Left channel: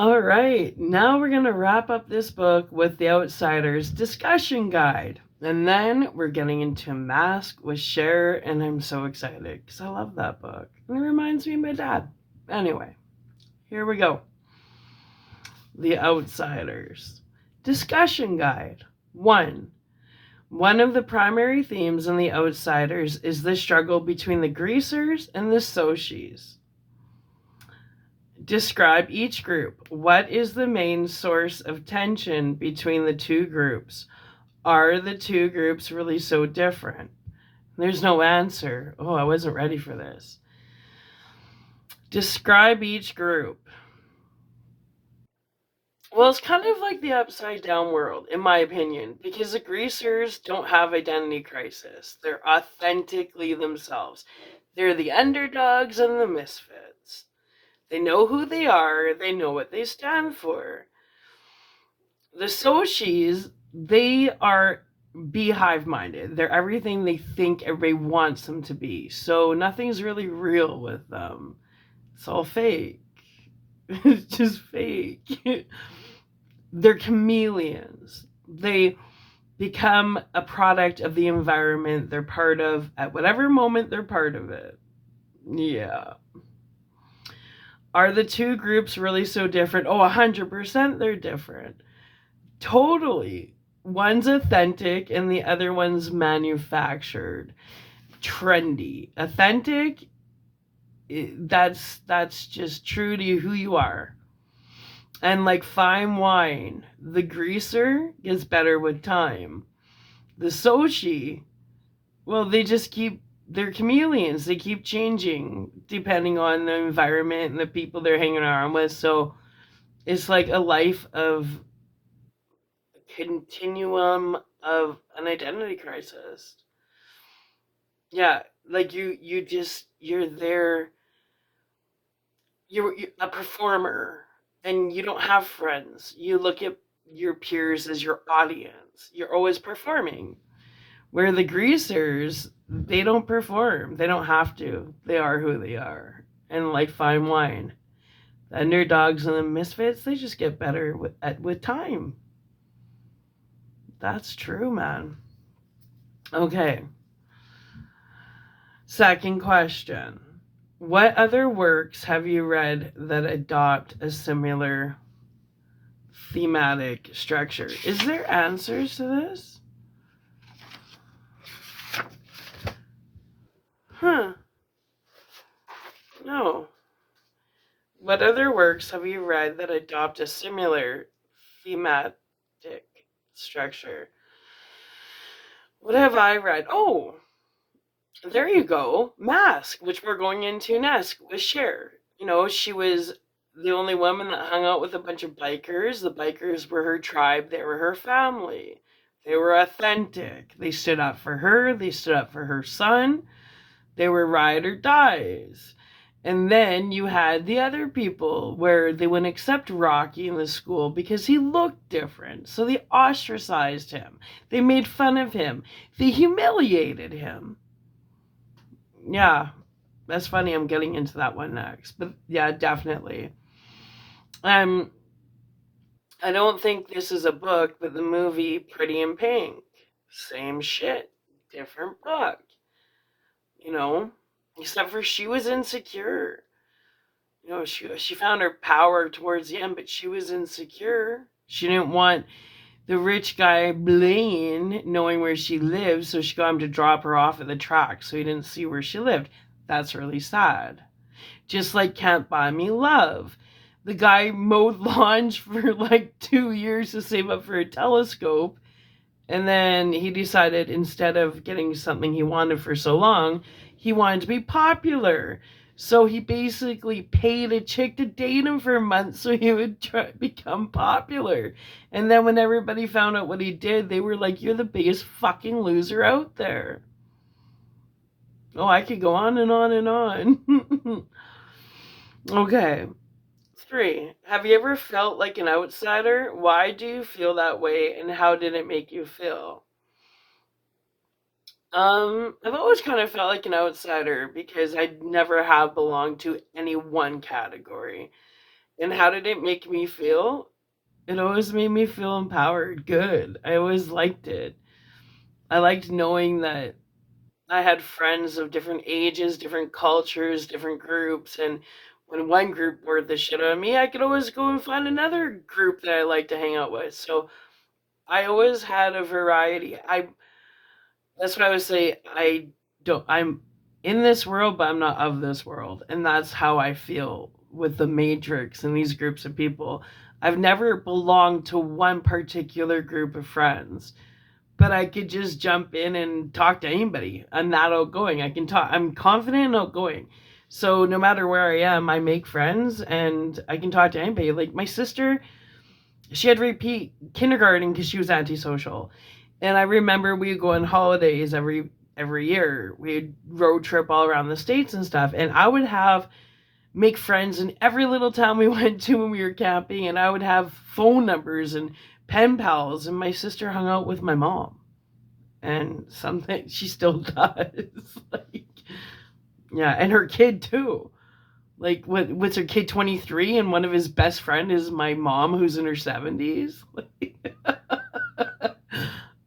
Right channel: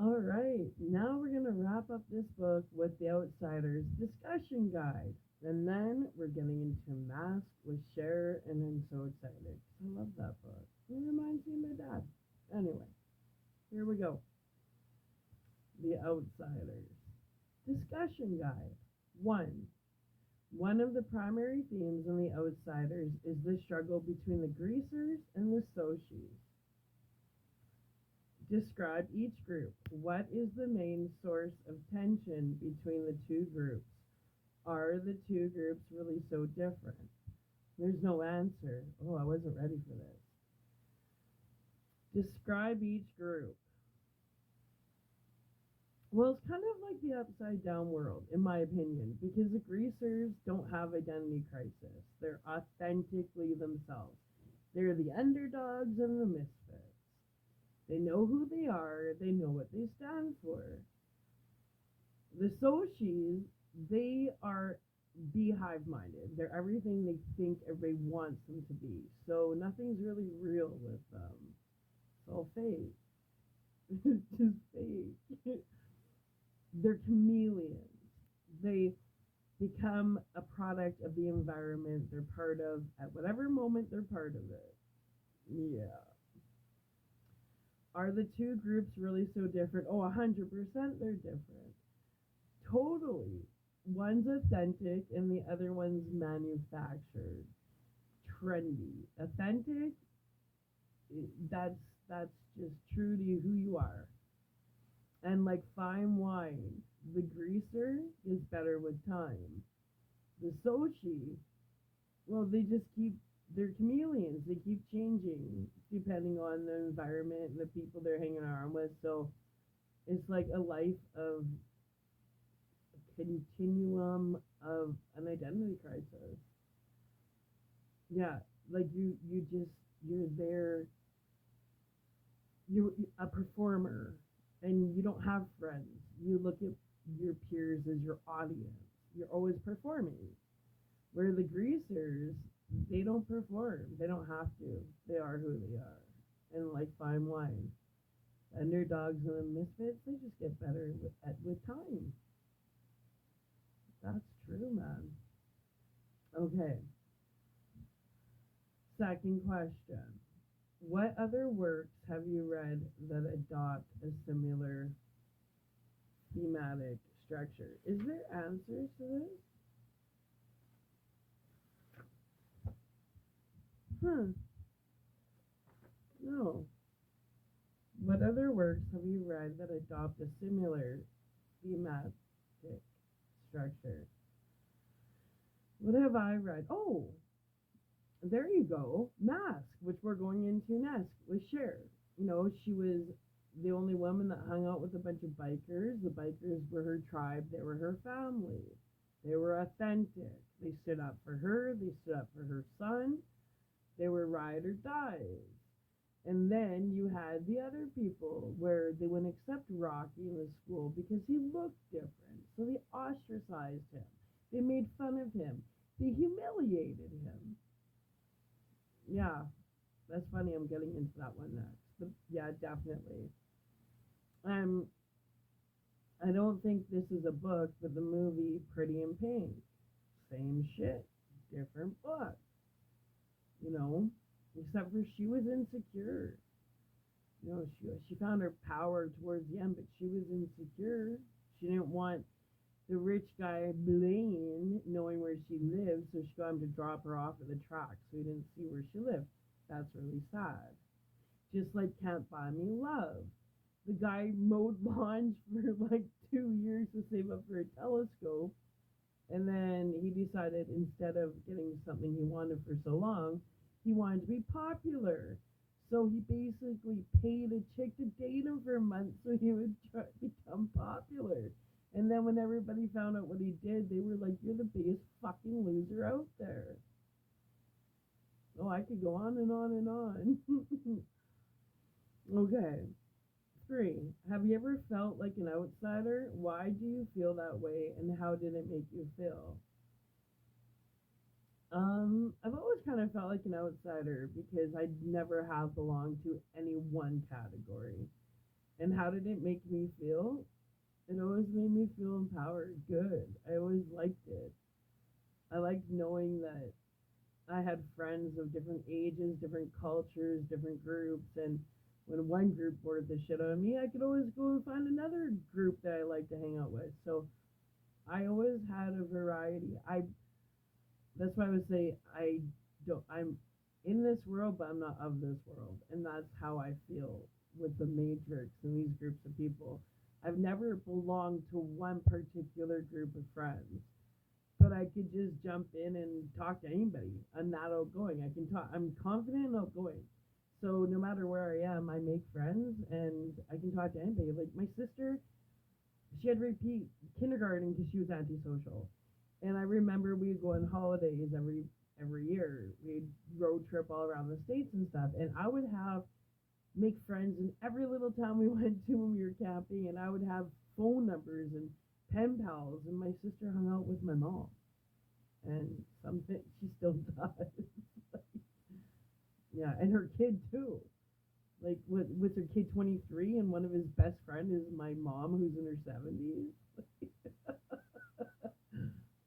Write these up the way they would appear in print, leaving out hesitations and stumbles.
All right, now we're going to wrap up this book with The Outsider's discussion guide. And then we're getting into Mask with Cher, and I'm so excited because I love that book. And it reminds me of my dad. Anyway, here we go. The Outsiders. Discussion guide. 1. One of the primary themes in The Outsiders is the struggle between the greasers and the Soshis. Describe each group. What is the main source of tension between the two groups? Are the two groups really so different? There's no answer. Oh, I wasn't ready for this. Describe each group. Well, it's kind of like the upside down world, in my opinion, because the greasers don't have identity crisis. They're authentically themselves. They're the underdogs and the misfits. They know who they are, they know what they stand for. The Soshis, they are beehive minded. They're everything they think everybody wants them to be. So nothing's really real with them. It's all fake. It's just fake. They're chameleons. They become a product of the environment they're part of at whatever moment they're part of it. Yeah. Are the two groups really so different? Oh, 100% they're different. Totally. One's authentic and the other one's manufactured. Trendy. Authentic, that's just true to who you are. And like fine wine, the greaser gets better with time. The Sochi, well, they're chameleons. They keep changing depending on the environment and the people they're hanging around with. So it's like a life of a continuum of an identity crisis. Yeah, like you're there, you're a performer and you don't have friends. You look at your peers as your audience. You're always performing. Where the greasers, they don't perform. They don't have to. They are who they are. And like fine wine, the underdogs and the misfits, they just get better with time. That's true, man. Okay. Second question. What other works have you read that adopt a similar thematic structure? Is there answers to this? Huh. No. What other works have you read that adopt a similar thematic structure? What have I read? Oh, there you go. Mask, which we're going into next with Cher. You know, she was the only woman that hung out with a bunch of bikers. The bikers were her tribe, they were her family. They were authentic. They stood up for her, they stood up for her son. They were ride or dies. And then you had the other people where they wouldn't accept Rocky in the school because he looked different. So they ostracized him. They made fun of him. They humiliated him. Yeah, that's funny. I'm getting into that one next. But yeah, definitely. Um, I don't think this is a book, but the movie Pretty in Pink. Same shit. Different book. You know? Except for she was insecure. You know, she found her power towards the end, but she was insecure. She didn't want the rich guy Blaine knowing where she lived, so she got him to drop her off at the track so he didn't see where she lived. That's really sad. Just like Can't Buy Me Love. The guy mowed lawns for like 2 years to save up for a telescope, and then he decided instead of getting something he wanted for so long, he wanted to be popular. So he basically paid a chick to date him for a month so he would become popular. And then when everybody found out what he did, they were like, "You're the biggest fucking loser out there." Oh, I could go on and on and on. Okay. 3. Have you ever felt like an outsider? Why do you feel that way and how did it make you feel? I've always kind of felt like an outsider because I never have belonged to any one category. And how did it make me feel? It always made me feel empowered, good. I always liked it. I liked knowing that I had friends of different ages, different cultures, different groups, and when one group bored the shit out of me, I could always go and find another group that I like to hang out with. So I always had a variety. That's what I would say. I'm in this world, but I'm not of this world. And that's how I feel with the Matrix and these groups of people. I've never belonged to one particular group of friends, but I could just jump in and talk to anybody. I'm that outgoing. I can talk. I'm confident and outgoing. So no matter where I am, I make friends and I can talk to anybody. Like my sister, she had to repeat kindergarten because she was antisocial. And I remember we would go on holidays every year. We'd road trip all around the states and stuff. And I would have make friends in every little town we went to when we were camping. And I would have phone numbers and pen pals. And my sister hung out with my mom. And something she still does. Like, yeah, and her kid too. Like, what's her kid 23, and one of his best friend is my mom, who's in her 70s. Like,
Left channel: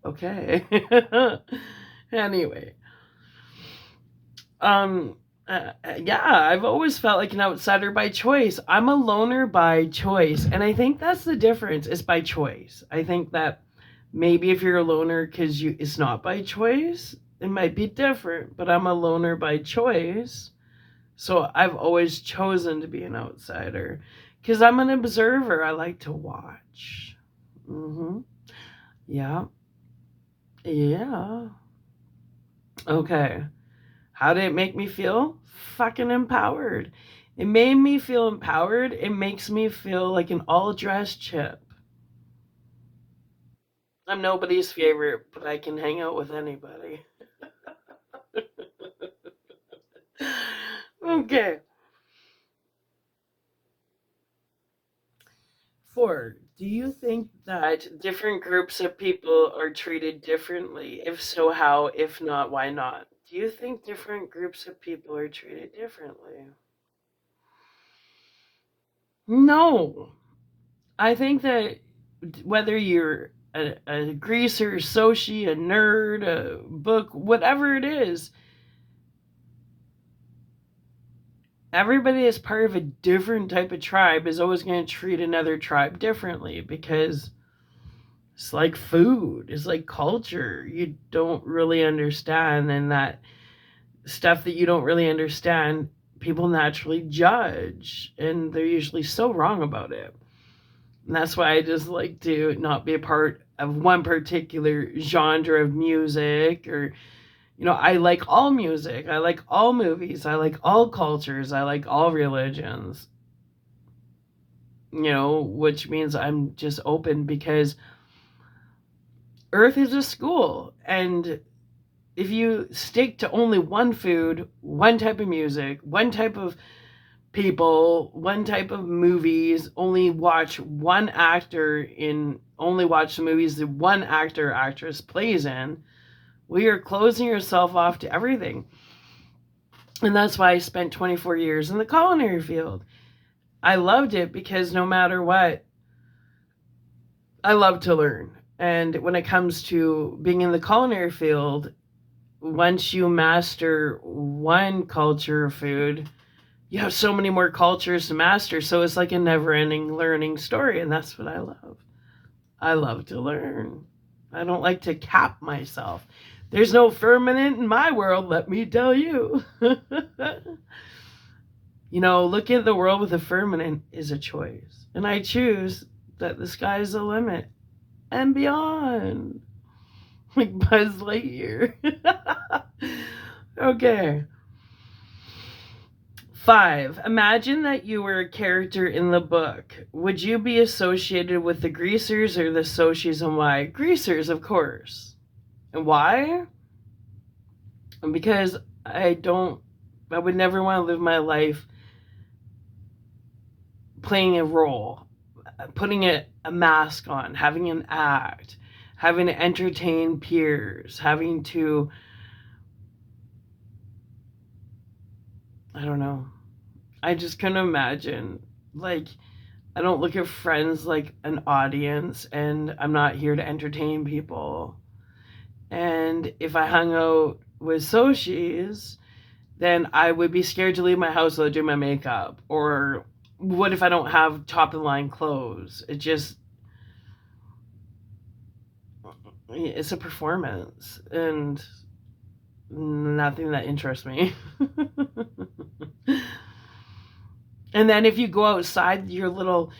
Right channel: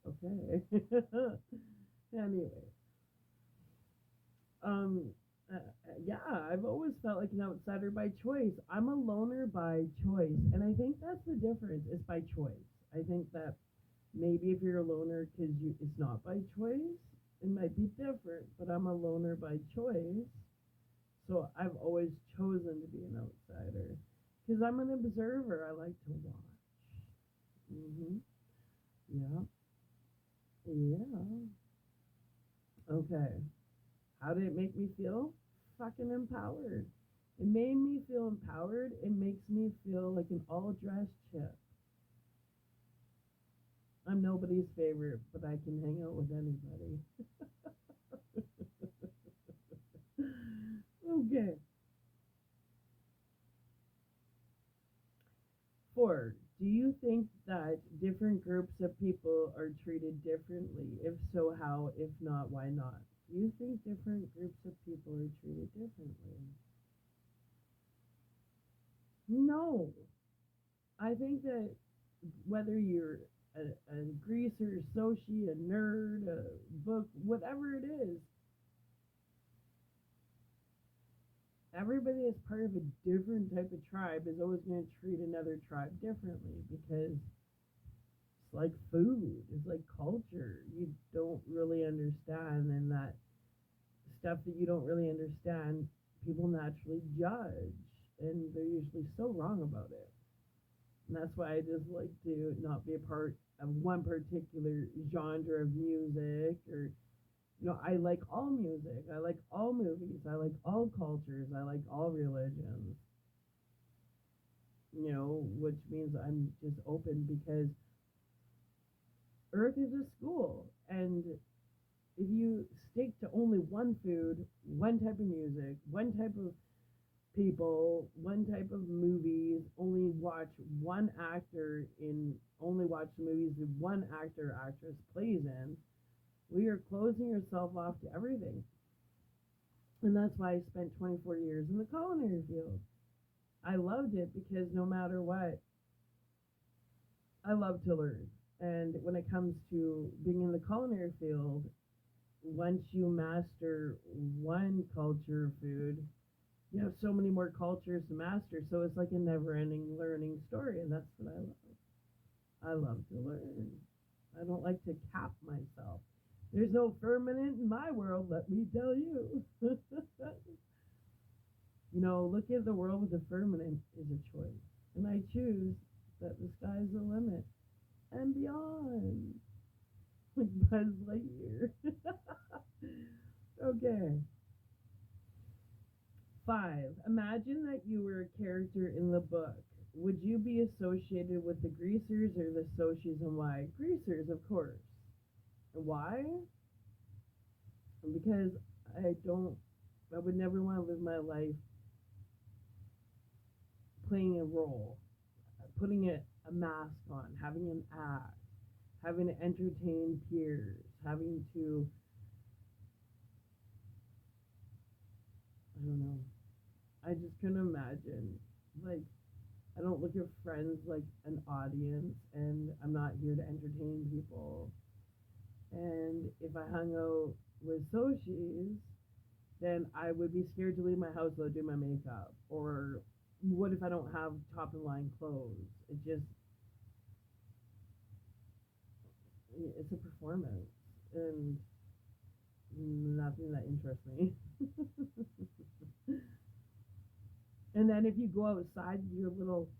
okay. Anyway, um, yeah, I've always felt like an outsider by choice. I'm a loner by choice, and I think that's the difference. It's by choice. I think that maybe if you're a loner because you it's not by choice, it might be different. But I'm a loner by choice, so I've always chosen to be an outsider because I'm an observer. I like to watch. Mm-hmm. Yeah. Yeah. Okay. How did it make me feel? Fucking empowered. It made me feel empowered. It makes me feel like an all dressed chip. I'm nobody's favorite, but I can hang out with anybody. Okay. 4. Do you think that different groups of people are treated differently? If so, how? If not, why not? Do you think different groups of people are treated differently? No. I think that whether you're a greaser, soci, a nerd, a book, whatever it is, everybody as part of a different type of tribe is always going to treat another tribe differently because it's like food, it's like culture. You don't really understand, and that stuff that you don't really understand, people naturally judge, and they're usually so wrong about it. And that's why I just like to not be a part of one particular genre of music or I like all music. I like all movies. I like all cultures. I like all religions. Which means I'm just open because Earth is a school. And if you stick to only one food, one type of music, one type of people, one type of movies, only watch the movies that one actor or actress plays in, well, you're closing yourself off to everything. And that's why I spent 24 years in the culinary field. I loved it because no matter what, I love to learn. And when it comes to being in the culinary field, once you master one culture of food, you have so many more cultures to master. So it's like a never ending learning story. And that's what I love. I love to learn. I don't like to cap myself. There's no firmament in my world, let me tell you. Looking at the world with a firmament is a choice. And I choose that the sky is the limit and beyond. Like Buzz Lightyear. Okay. 5. Imagine that you were a character in the book. Would you be associated with the greasers or the Soshis, and why? Greasers, of course. And why? Because I would never want to live my life playing a role, putting a mask on, having an act, having to entertain peers, having to, I don't know. I just couldn't imagine. Like, I don't look at friends like an audience, and I'm not here to entertain people. And if I hung out with Soshis, then I would be scared to leave my house without doing my makeup. Or what if I don't have top of the line clothes? It's a performance and nothing that interests me. And then if you go outside your little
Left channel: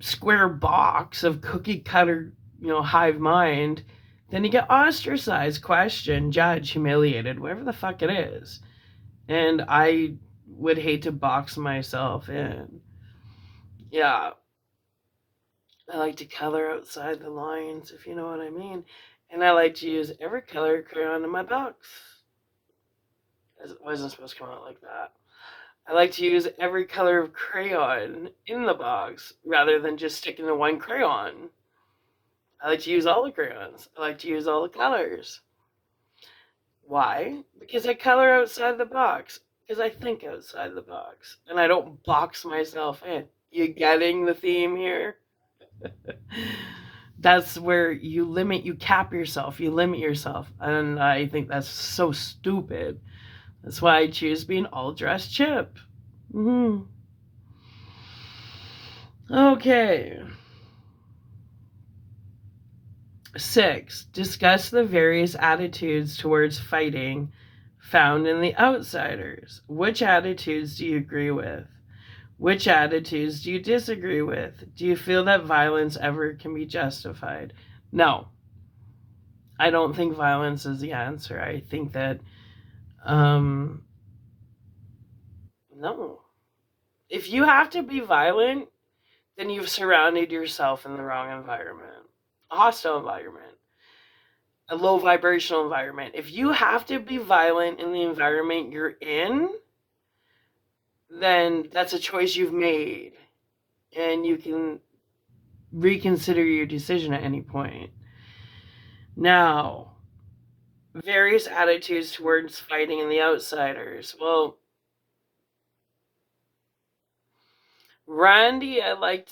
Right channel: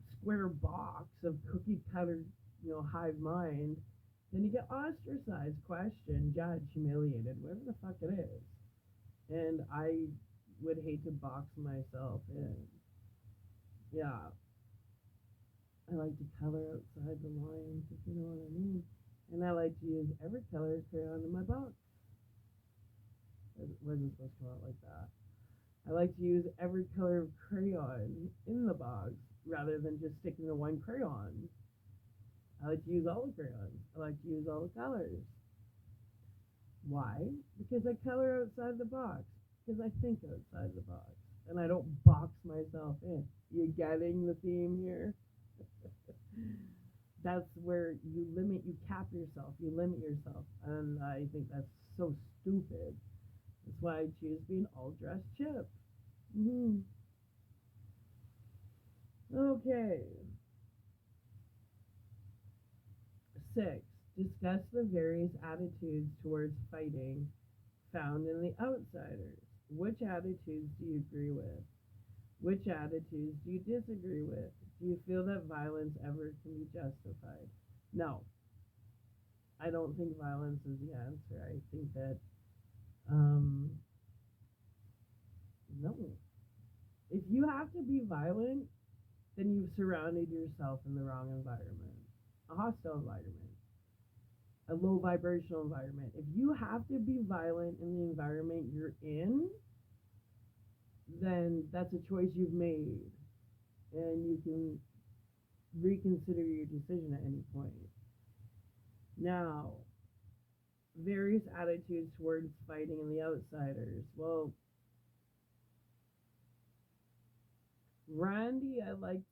square box of cookie cutter, hive mind, then you get ostracized, questioned, judged, humiliated, whatever the fuck it is. And I would hate to box myself in. Yeah, I like to color outside the lines, if you know what I mean. And I like to use every color crayon in my box. It wasn't supposed to come out like that. I like to use every color of crayon in the box rather than just sticking to one crayon. I like to use all the crayons. I like to use all the colors. Why? Because I color outside the box. Because I think outside the box. And I don't box myself in. You getting the theme here? That's where you cap yourself, you limit yourself. And I think that's so stupid. That's why I choose being all dressed chip. Mm-hmm. Okay. 6. Discuss the various attitudes towards fighting found in the outsiders. Which attitudes do you agree with? Which attitudes do you disagree with? Do you feel that violence ever can be justified? No. I don't think violence is the answer. I think that, no. If you have to be violent, then you've surrounded yourself in the wrong environment, a hostile environment, a low vibrational environment. If you have to be violent in the environment you're in, then that's a choice you've made, and you can reconsider your decision at any point. Now, various attitudes towards fighting in the outsiders. Well, Randy, I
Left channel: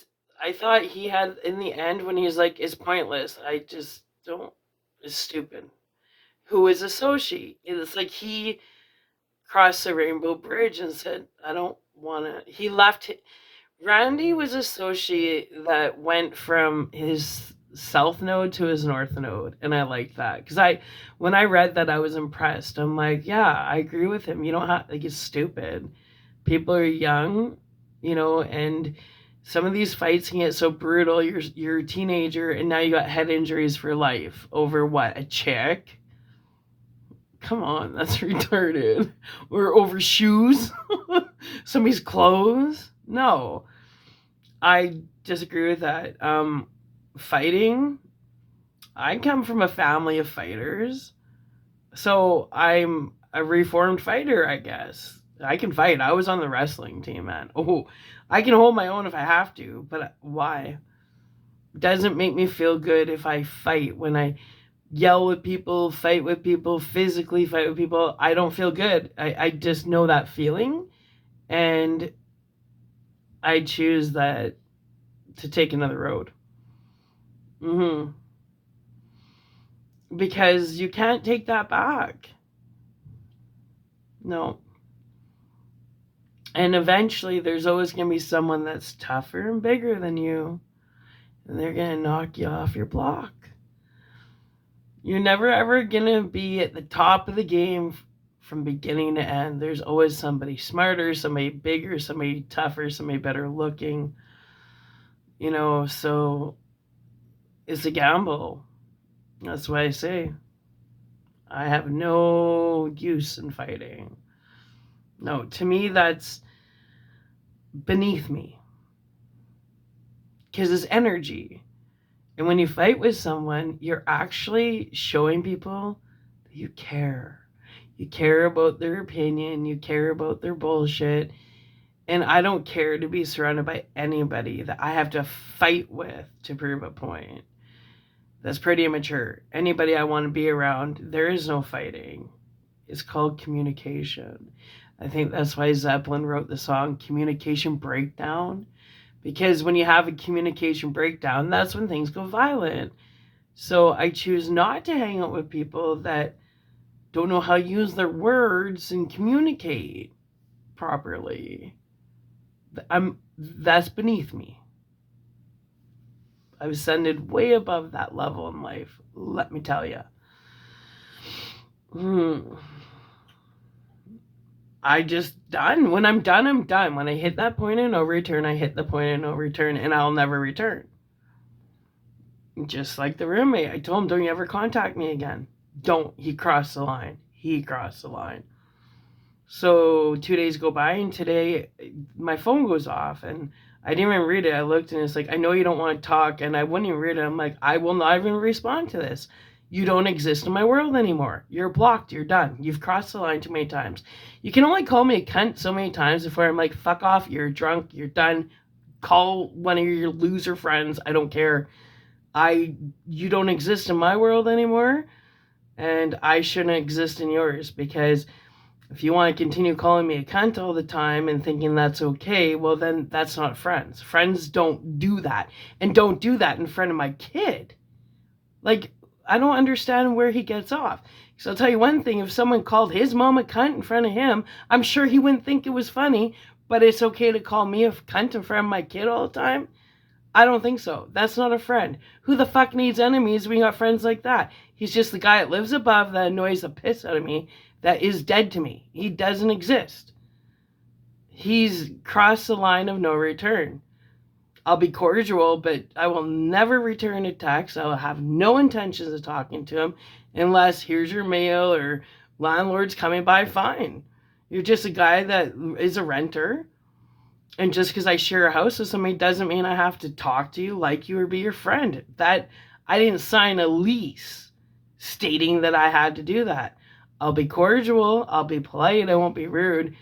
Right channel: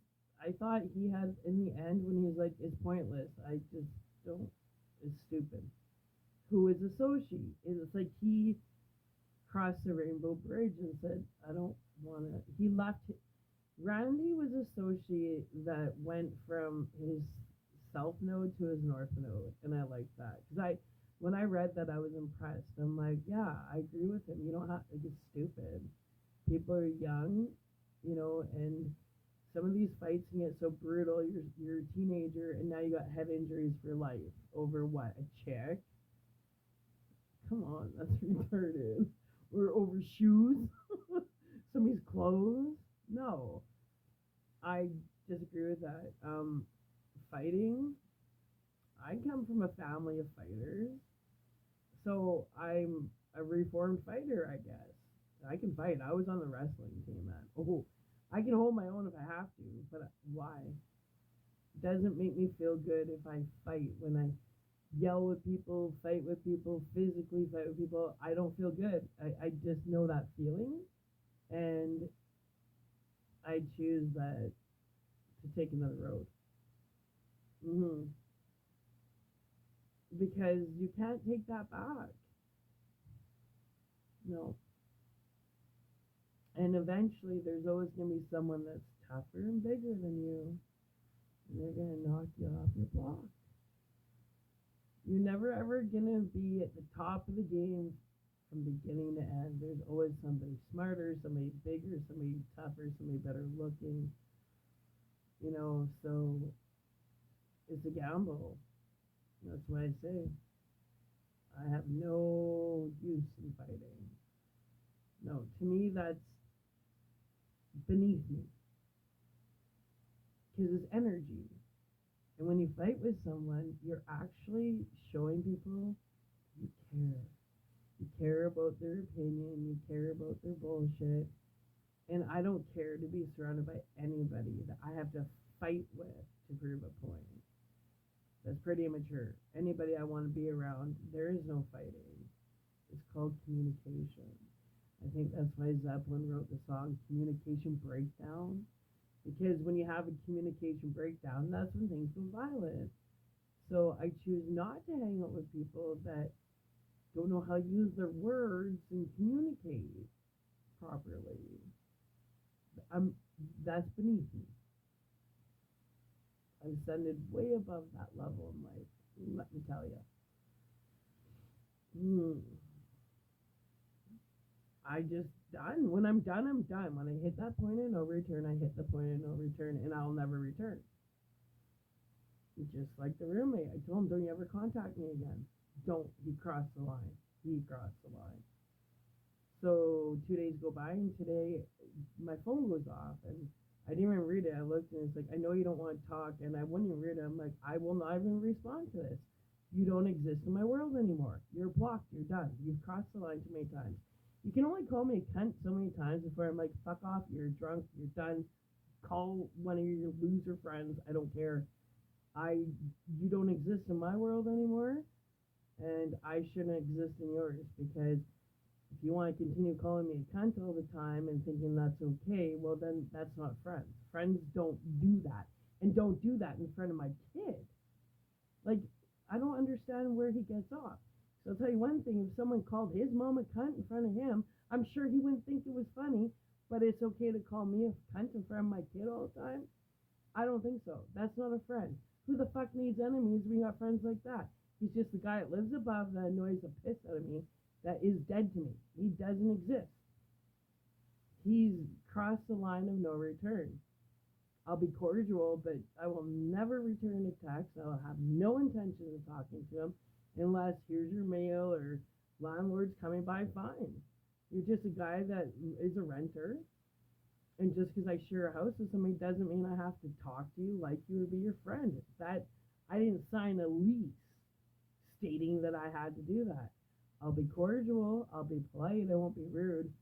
thought he had, in the end, when he's like, it's pointless. I just don't, it's stupid. Who is a Soshi? It's like he crossed the rainbow bridge and said, I don't want to. He left. Randy was a Soshi that went from his south node to his north node. And I liked that. Because when I read that, I was impressed. I'm like, yeah, I agree with him. You don't have, like, it's stupid. People are young, and some of these fights can get so brutal. You're a teenager, and now you got head injuries for life over what? A chick? Come on, that's retarded. Or over shoes? Somebody's clothes? No. I disagree with that. Fighting, I come from a family of fighters. So I'm a reformed fighter, I guess. I can fight. I was on the wrestling team, man. Oh, I can hold my own if I have to, but why? Doesn't make me feel good if I fight. When I yell with people, fight with people, physically fight with people, I don't feel good. I just know that feeling, and I choose that to take another road. Mm-hmm. Because you can't take that back. No. And eventually, there's always going to be someone that's tougher and bigger than you, and they're going to knock you off your block. You're never ever going to be at the top of the game from beginning to end. There's always somebody smarter, somebody bigger, somebody tougher, somebody better looking. So it's a gamble. That's why I say I have no use in fighting. No, to me, that's beneath me. Because it's energy. And when you fight with someone, you're actually showing people that you care. You care about their opinion. You care about their bullshit. And I don't care to be surrounded by anybody that I have to fight with to prove a point. That's pretty immature. Anybody I want to be around, there is no fighting. It's called communication. I think that's why Zeppelin wrote the song Communication Breakdown, Because when you have a communication breakdown, that's when things go violent. So I choose not to hang out with people that don't know how to use their words and communicate properly. That's beneath me. I've ascended way above that level in life, let me tell you. I just done. When I'm done, I'm done. When I hit that point of no return, I hit the point of no return, and I'll never return. Just like the roommate, I told him, don't you ever contact me again. Don't. He crossed the line. He crossed the line. So 2 days go by, and today my phone goes off, and I didn't even read it. I looked, and it's like, I know you don't want to talk, and I wouldn't even read it. I'm like, I will not even respond to this. You don't exist in my world anymore. You're blocked. You're done. You've crossed the line too many times. You can only call me a cunt so many times before I'm like, fuck off. You're drunk. You're done. Call one of your loser friends. I don't care. You don't exist in my world anymore, and I shouldn't exist in yours, because if you want to continue calling me a cunt all the time and thinking that's okay, well, then that's not friends. Friends don't do that, and don't do that in front of my kid. Like, I don't understand where he gets off. So I'll tell you one thing, if someone called his mom a cunt in front of him, I'm sure he wouldn't think it was funny, but it's okay to call me a cunt in front of my kid all the time? I don't think so. That's not a friend. Who the fuck needs enemies when you got friends like that? He's just the guy that lives above that annoys the piss out of me, that is dead to me. He doesn't exist. He's crossed the line of no return. I'll be cordial, but I will never return a text. I will have no intentions of talking to him unless here's your mail or landlord's coming by, fine. You're just a guy that is a renter. And just because I share a house with somebody doesn't mean I have to talk to you, like you, or be your friend. That I didn't sign a lease stating that I had to do that. I'll be cordial, I'll be polite, I won't be rude,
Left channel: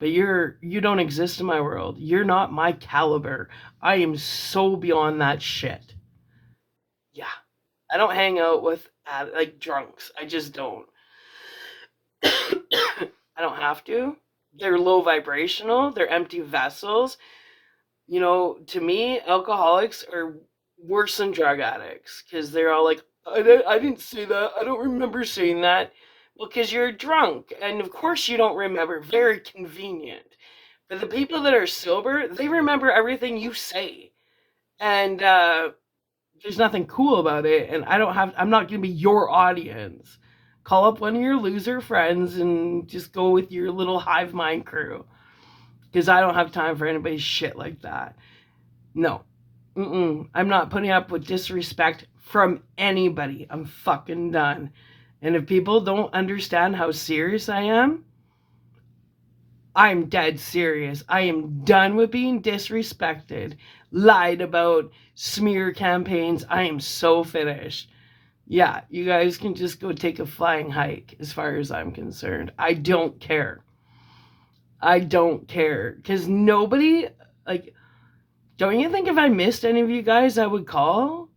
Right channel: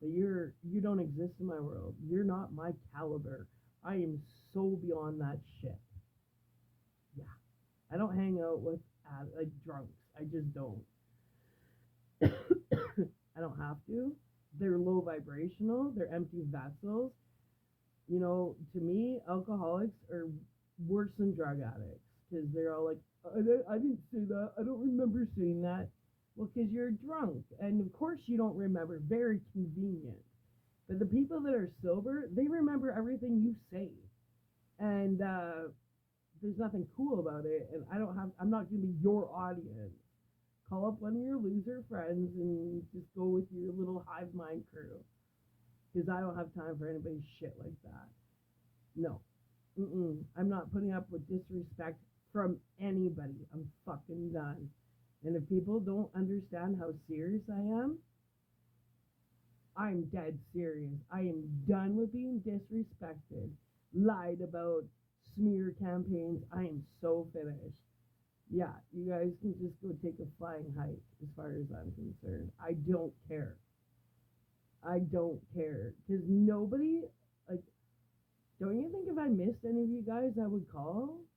but you don't exist in my world. You're not my caliber. I am so beyond that shit. Yeah. I don't hang out with like drunks. I just don't. I don't have to. They're low vibrational, they're empty vessels. You know, to me, alcoholics are worse than drug addicts, because they're all like, I didn't say that. I don't remember saying that. Well, because you're drunk. And of course you don't remember. Very convenient. But the people that are sober, they remember everything you say. And there's nothing cool about it. And I'm not going to be your audience. Call up one of your loser friends and just go with your little hive mind crew. Because I don't have time for anybody's shit like that. No. I'm not putting up with disrespect from anybody. I'm fucking done. And if people don't understand how serious I am, I'm dead serious. I am done with being disrespected, lied about, smear campaigns. I am so finished. Yeah, you guys can just go take a flying hike as far as I'm concerned. I don't care. I don't care. Because nobody, like, don't you think if I missed any of you guys, I would call?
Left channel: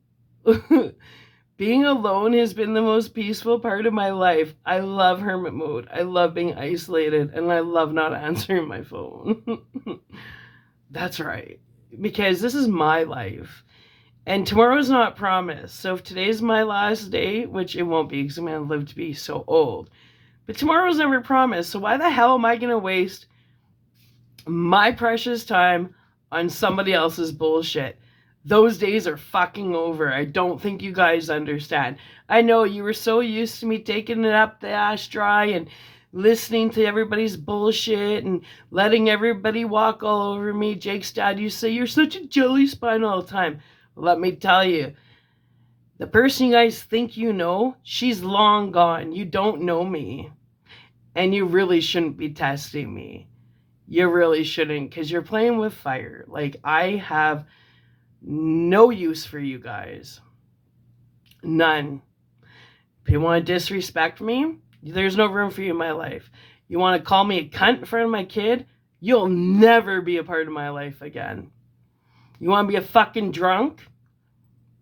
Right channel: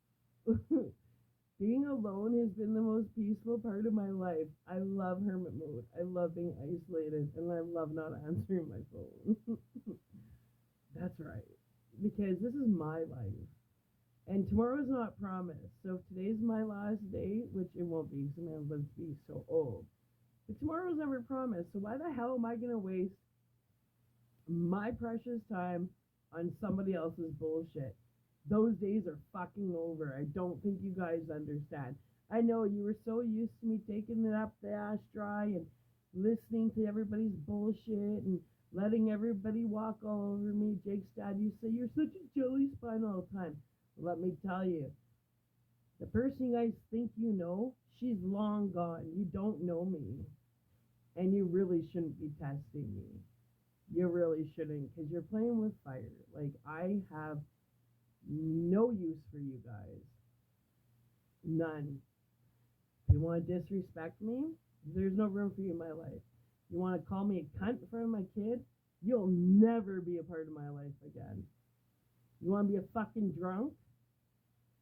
Being alone has been the most peaceful part of my life. I love hermit mode. I love being isolated, and I love not answering my phone. That's right. Because this is my life. And tomorrow's not promised. So if today's my last day, which it won't be because I'm going to live to be so old, but tomorrow's never promised. So why the hell am I going to waste my precious time on somebody else's bullshit? Those days are fucking over. I don't think you guys understand. I know you were so used to me taking it up the ass dry and listening to everybody's bullshit and letting everybody walk all over me. Jake's dad used to say, you're such a jelly spine all the time. Well, let me tell you, the person you guys think you know, she's long gone. You don't know me. And you really shouldn't be testing me. You really shouldn't, because you're playing with fire. Like, I have no use for you guys. None. If you want to disrespect me, there's no room for you in my life. You want to call me a cunt in front of my kid, you'll never be a part of my life again. You want to be a fucking drunk?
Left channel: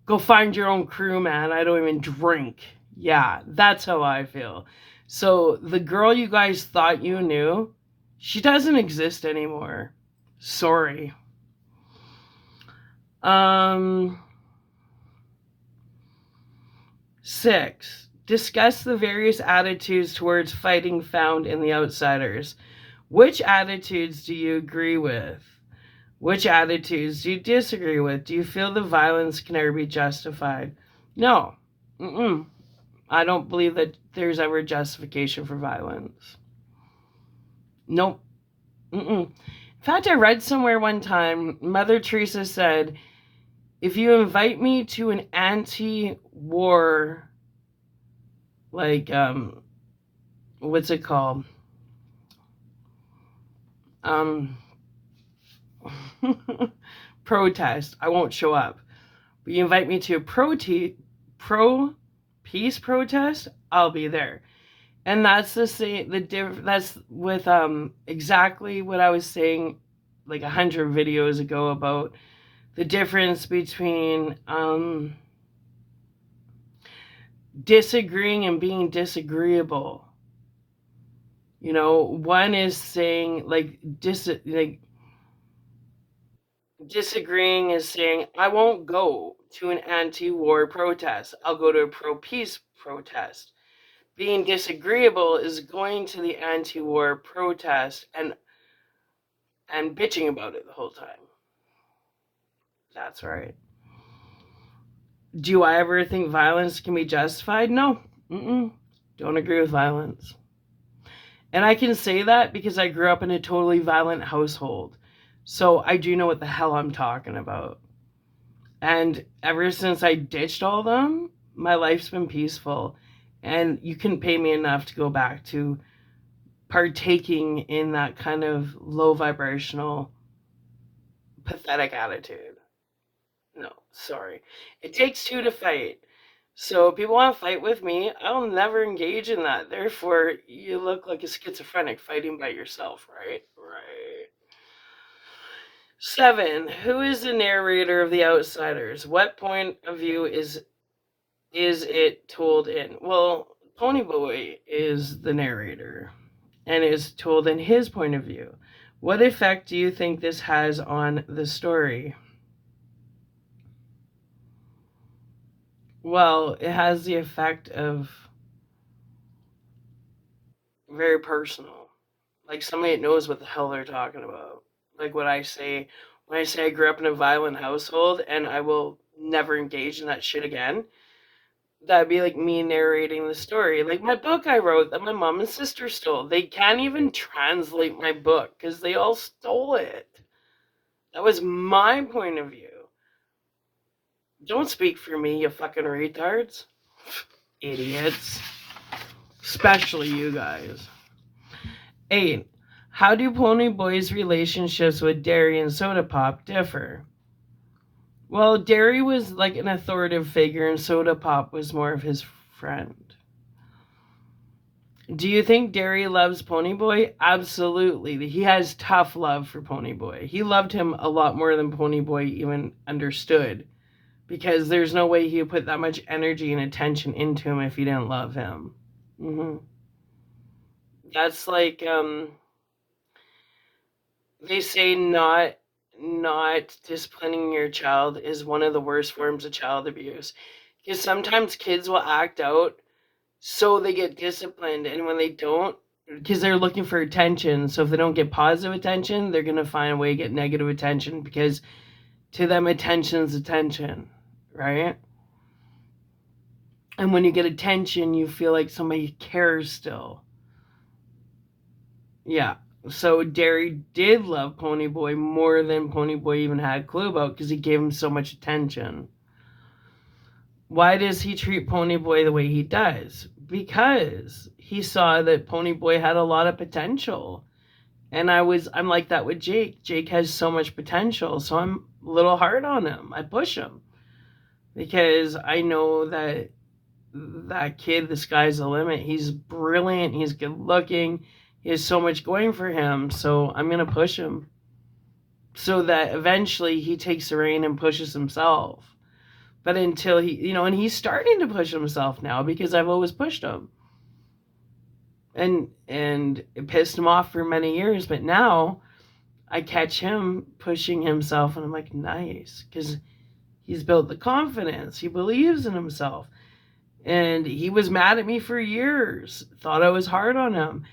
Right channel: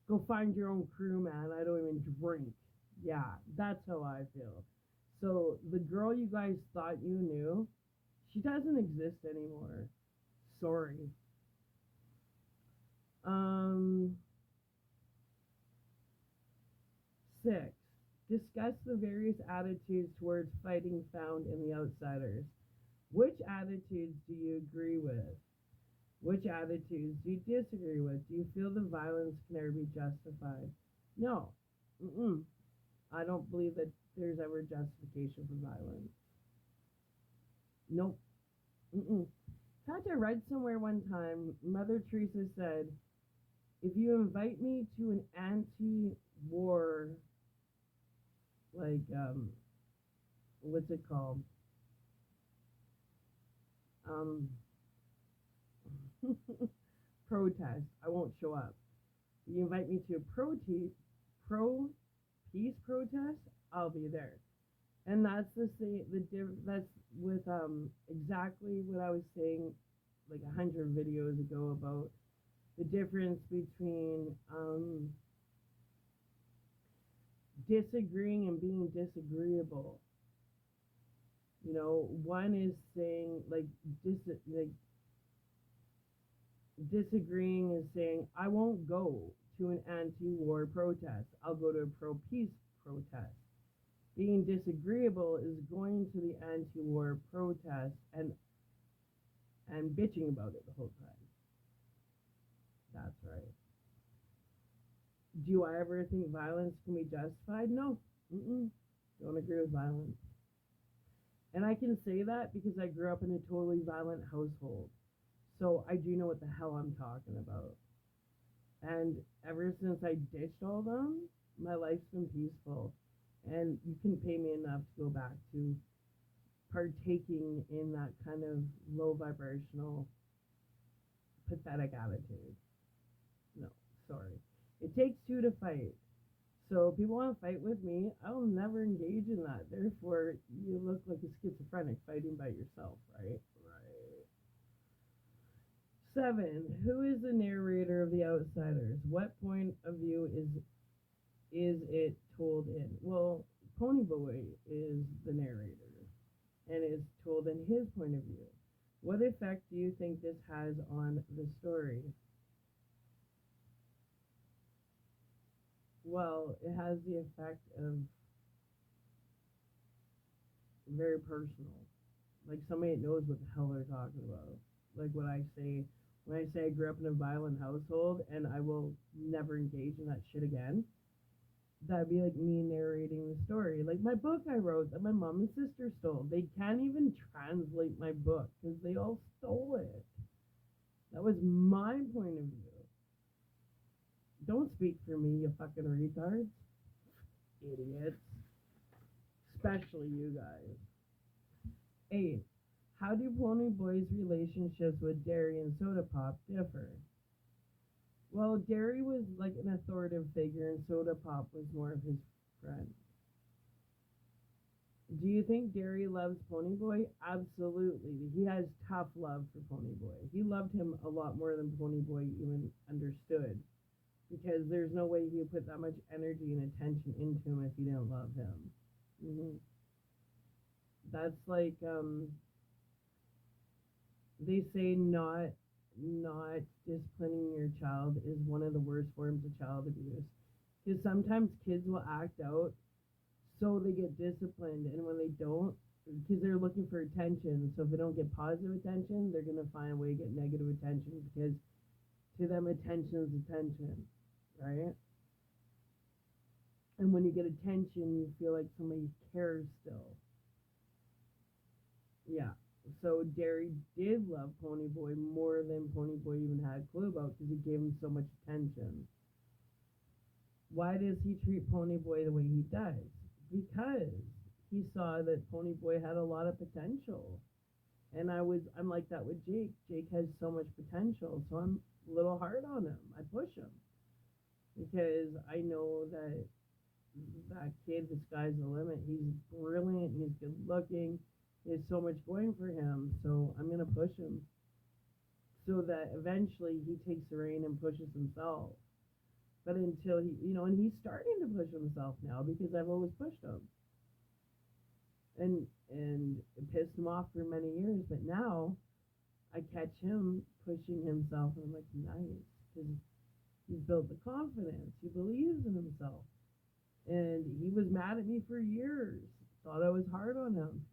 Go find your own crew, man. I don't even drink. Yeah, that's how I feel. So the girl you guys thought you knew, she doesn't exist anymore. Sorry. Um, 6. Discuss the various attitudes towards fighting found in The Outsiders. Which attitudes do you agree with? Which attitudes do you disagree with? Do you feel the violence can ever be justified? No. Mm-mm. I don't believe that there's ever justification for violence. Nope. Mm-mm. In fact, I read somewhere one time, Mother Teresa said, if you invite me to an anti-war, like, what's it called? Um, protest, I won't show up. But you invite me to a pro-peace protest, I'll be there. And that's the same. That's with exactly what I was saying, like 100 videos ago about the difference between disagreeing and being disagreeable. You know, one is saying like disagreeing is saying I won't go to an anti-war protest. I'll go to a pro-peace protest. Being disagreeable is going to the anti-war protest and bitching about it the whole time. That's right. Do I ever think violence can be justified? No. Mm-mm. Don't agree with violence. And I can say that because I grew up in a totally violent household. So I do know what the hell I'm talking about. And ever since I ditched all of them, my life's been peaceful. And you couldn't pay me enough to go back to partaking in that kind of low vibrational, pathetic attitude. No, sorry. It takes two to fight. So if people want to fight with me, I'll never engage in that. Therefore, you look like a schizophrenic fighting by yourself, right? Right. 7. Who is the narrator of The Outsiders? What point of view is it told in? Well, Ponyboy is the narrator and is told in his point of view. What effect do you think this has on the story? Well, it has the effect of very personal. Like somebody that knows what the hell they're talking about. Like what I say when I say I grew up in a violent household and I will never engage in that shit again. That'd be like me narrating the story. Like my book I wrote that my mom and sister stole. They can't even translate my book because they all stole it. That was my point of view. Don't speak for me, you fucking retards. Idiots. Especially you guys. 8. How do Ponyboy's relationships with Derry and Soda Pop differ? Well, Derry was like an authoritative figure and Soda Pop was more of his friend. Do you think Derry loves Ponyboy? Absolutely. He has tough love for Ponyboy. He loved him a lot more than Ponyboy even understood. Because there's no way he would put that much energy and attention into him if he didn't love him. Mm-hmm. That's like they say not disciplining your child is one of the worst forms of child abuse. Because sometimes kids will act out so they get disciplined, and when they don't, because they're looking for attention, so if they don't get positive attention, they're going to find a way to get negative attention because to them attention's attention, right? And when you get attention, you feel like somebody cares still. Yeah. So Derry did love Ponyboy more than Ponyboy even had a clue about because he gave him so much attention. Why does he treat Ponyboy the way he does? Because he saw that Ponyboy had a lot of potential. And I'm like that with Jake. Jake has so much potential, so I'm a little hard on him. I push him. Because I know that kid, the sky's the limit. He's brilliant, he's good looking, he has so much going for him, so I'm going to push him. So that eventually he takes the reign and pushes himself. But until he, and he's starting to push himself now because I've always pushed him. And it pissed him off for many years, but now I catch him pushing himself, and I'm like, nice, because he's built the confidence. He believes in himself. And he was mad at me for years, thought I was hard on him.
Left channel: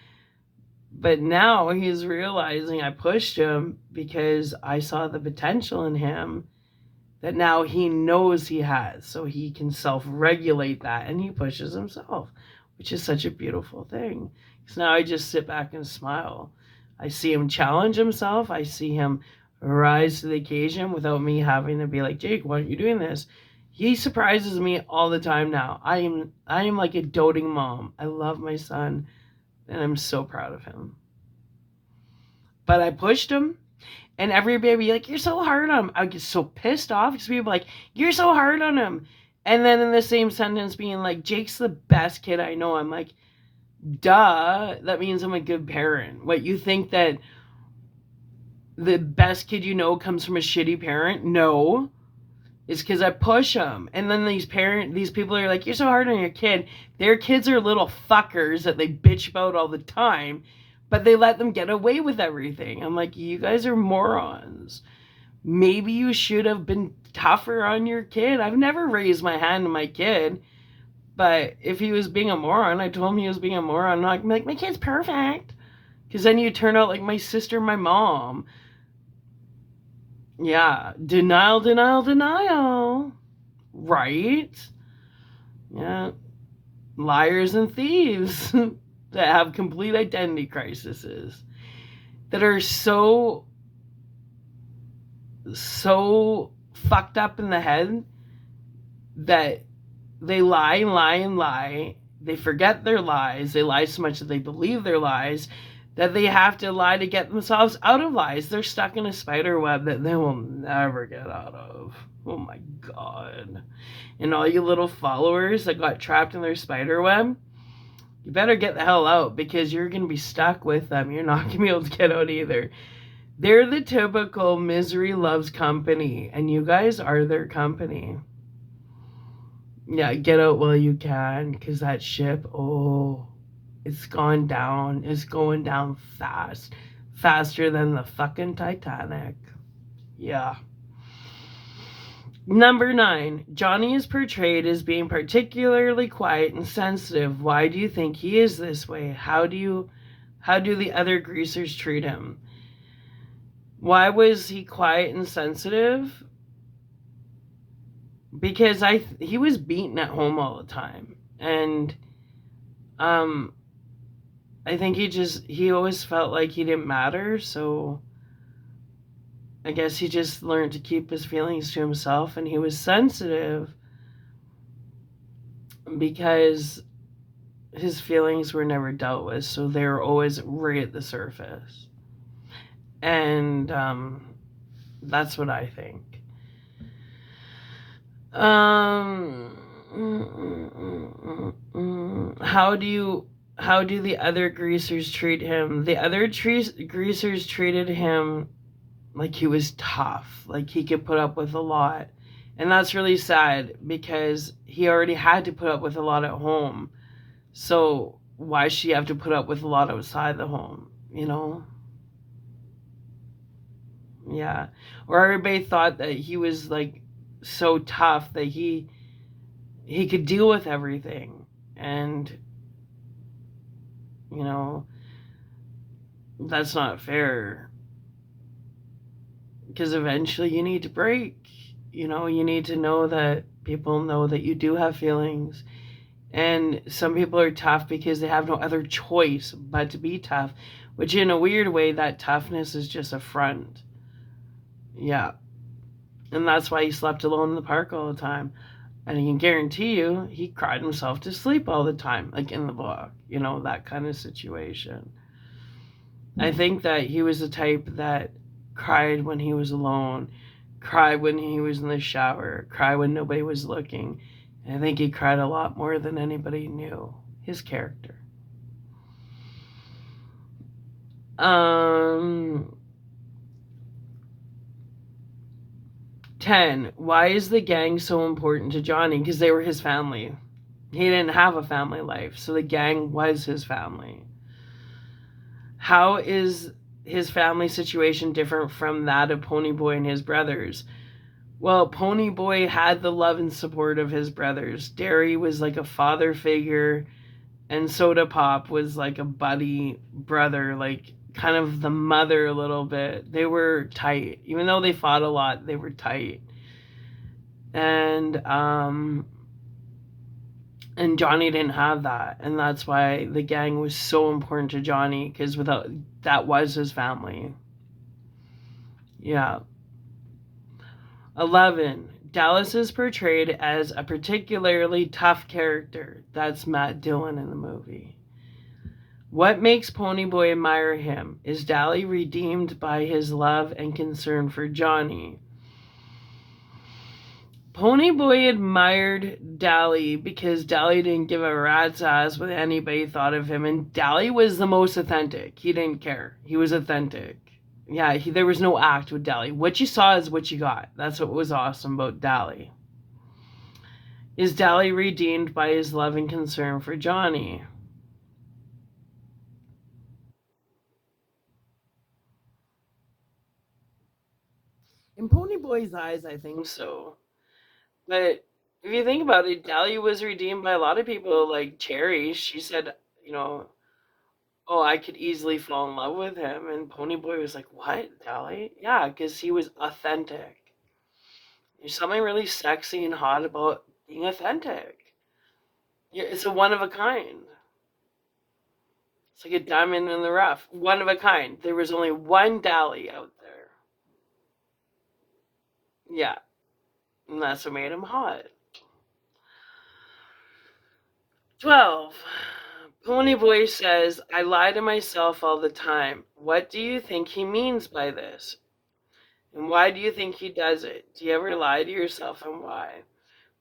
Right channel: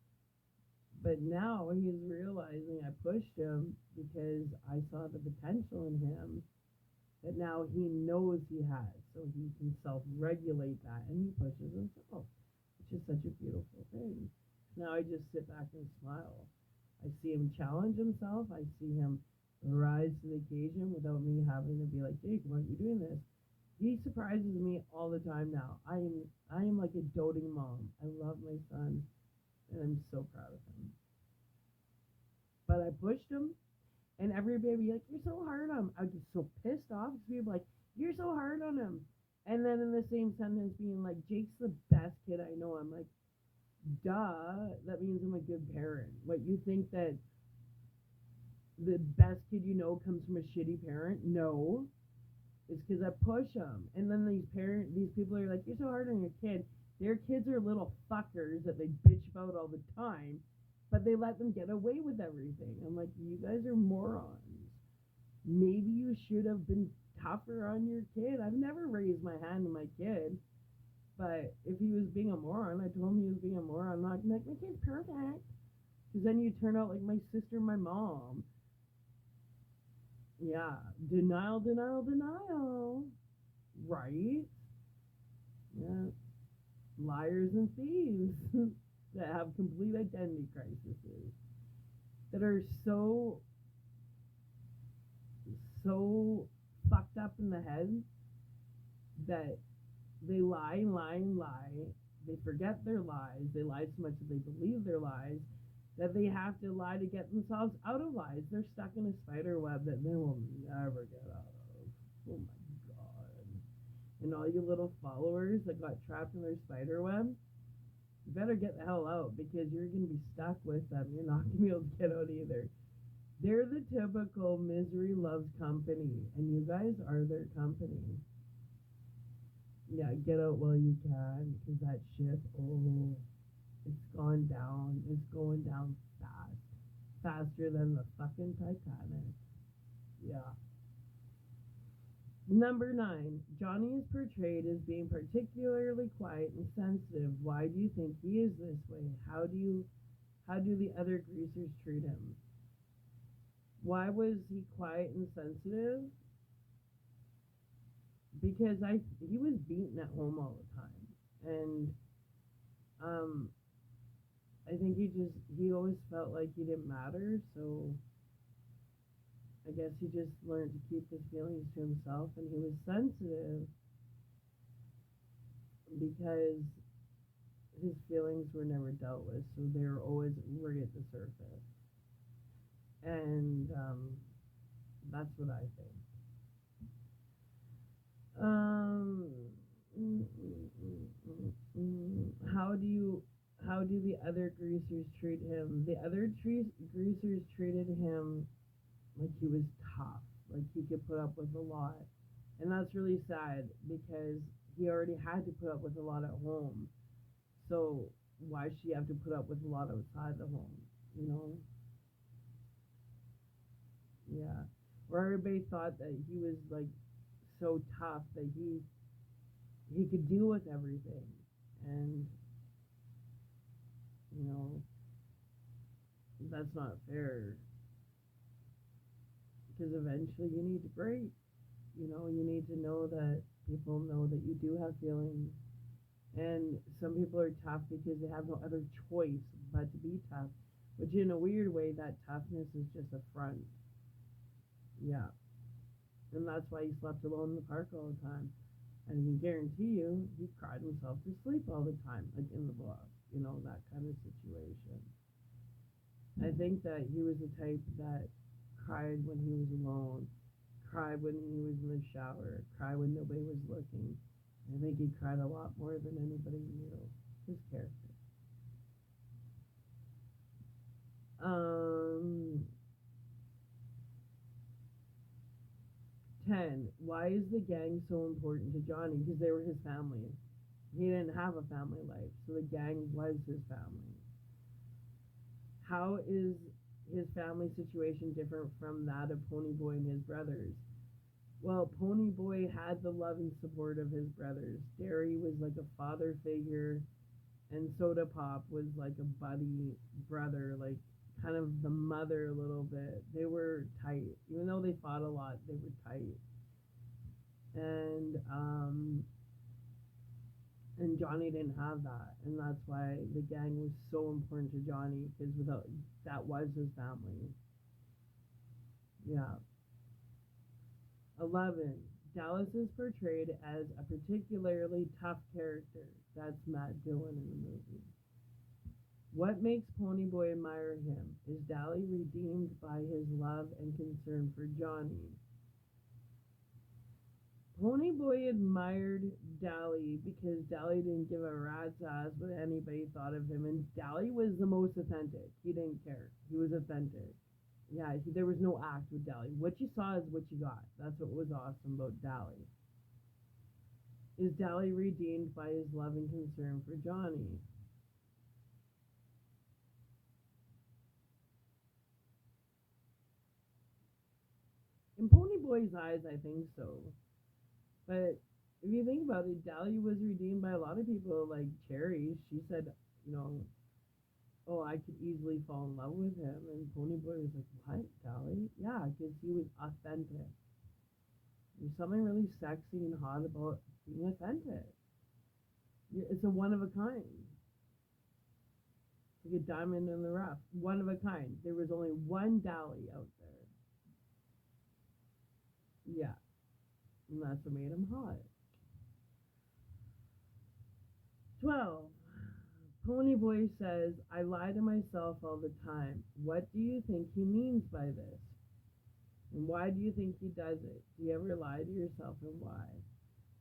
But now he's realizing I pushed him because I saw the potential in him that now he knows he has. So he can self-regulate that, and he pushes himself, which is such a beautiful thing. Because now I just sit back and smile. I see him challenge himself. I see him rise to the occasion without me having to be like, Jake, why aren't you doing this? He surprises me all the time now. I am like a doting mom. I love my son, and I'm so proud of him. But I pushed him, and everybody would be like, you're so hard on him. I get so pissed off because people are like, you're so hard on him. And then in the same sentence being like, Jake's the best kid I know. I'm like, duh, that means I'm a good parent. What, you think that the best kid you know comes from a shitty parent? No. It's because I push them. And then these people are like, you're so hard on your kid. Their kids are little fuckers that they bitch about all the time, but they let them get away with everything. I'm like, you guys are morons. Maybe you should have been tougher on your kid. I've never raised my hand to my kid, but if he was being a moron, I told him he was being a moron. I'm like, my kid's perfect. Because then you turn out like my sister, my mom. Yeah, denial, denial, denial. Right? Yeah. Liars and thieves that have complete identity crises that are so fucked up in the head that they lie and lie and lie. They forget their lies. They lie so much that they believe their lies, that they have to lie to get themselves out of lies. They're stuck in a spider web that they will never get out of. Oh my God. And all you little followers that got trapped in their spider web, you better get the hell out, because you're going to be stuck with them. You're not going to be able to get out either. They're the typical misery loves company, and you guys are their company. Yeah, get out while you can, because that ship, it's gone down. It's going down fast. Faster than the fucking Titanic. Yeah. Number 9, Johnny is portrayed as being particularly quiet and sensitive. Why do you think he is this way? How do the other greasers treat him? Why was he quiet and sensitive? Because he was beaten at home all the time. And I think he always felt like he didn't matter, so I guess he just learned to keep his feelings to himself, and he was sensitive because his feelings were never dealt with, so they were always right at the surface. And that's what I think. How do the other greasers treat him? The other greasers treated him like he was tough, like he could put up with a lot. And that's really sad, because he already had to put up with a lot at home. So why should he have to put up with a lot outside the home, you know? Yeah. Or everybody thought that he was like so tough that he could deal with everything. And, you know, that's not fair. Because eventually you need to break. You know, you need to know that people know that you do have feelings. And some people are tough because they have no other choice but to be tough. Which in a weird way, that toughness is just a front. Yeah. And that's why he slept alone in the park all the time. And I can guarantee you, he cried himself to sleep all the time, like in the book. You know, that kind of situation. I think that he was the type that cried when he was alone, cried when he was in the shower, cried when nobody was looking. And I think he cried a lot more than anybody knew. His character. 10. Why is the gang so important to Johnny? Because they were his family. He didn't have a family life, so the gang was his family. How is his family situation different from that of Ponyboy and his brothers? Well, Ponyboy had the love and support of his brothers. Derry was like a father figure, and Soda Pop was like a buddy brother, like kind of the mother a little bit. They were tight. Even though they fought a lot, they were tight. And Johnny didn't have that, and that's why the gang was so important to Johnny, because without that was his family. Yeah. 11. Dallas is portrayed as a particularly tough character. That's Matt Dillon in the movie. What makes Ponyboy admire him? Is Dally redeemed by his love and concern for Johnny? Ponyboy admired Dally because Dally didn't give a rat's ass what anybody thought of him, and Dally was the most authentic. He didn't care. He was authentic. Yeah, there was no act with Dally. What you saw is what you got. That's what was awesome about Dally. Is Dally redeemed by his love and concern for Johnny? In Ponyboy's eyes, I think so. But if you think about it, Dahlia was redeemed by a lot of people, like Cherry. She said, you know, oh, I could easily fall in love with him. And Ponyboy was like, what, Dahlia? Yeah, because he was authentic. There's something really sexy and hot about being authentic. Yeah, it's a one of a kind. It's like a diamond in the rough. One of a kind. There was only one Dally out there. Yeah, and that's what made him hot. 12. Ponyboy says, I lie to myself all the time. What do you think he means by this? And why do you think he does it? Do you ever lie to yourself, and why?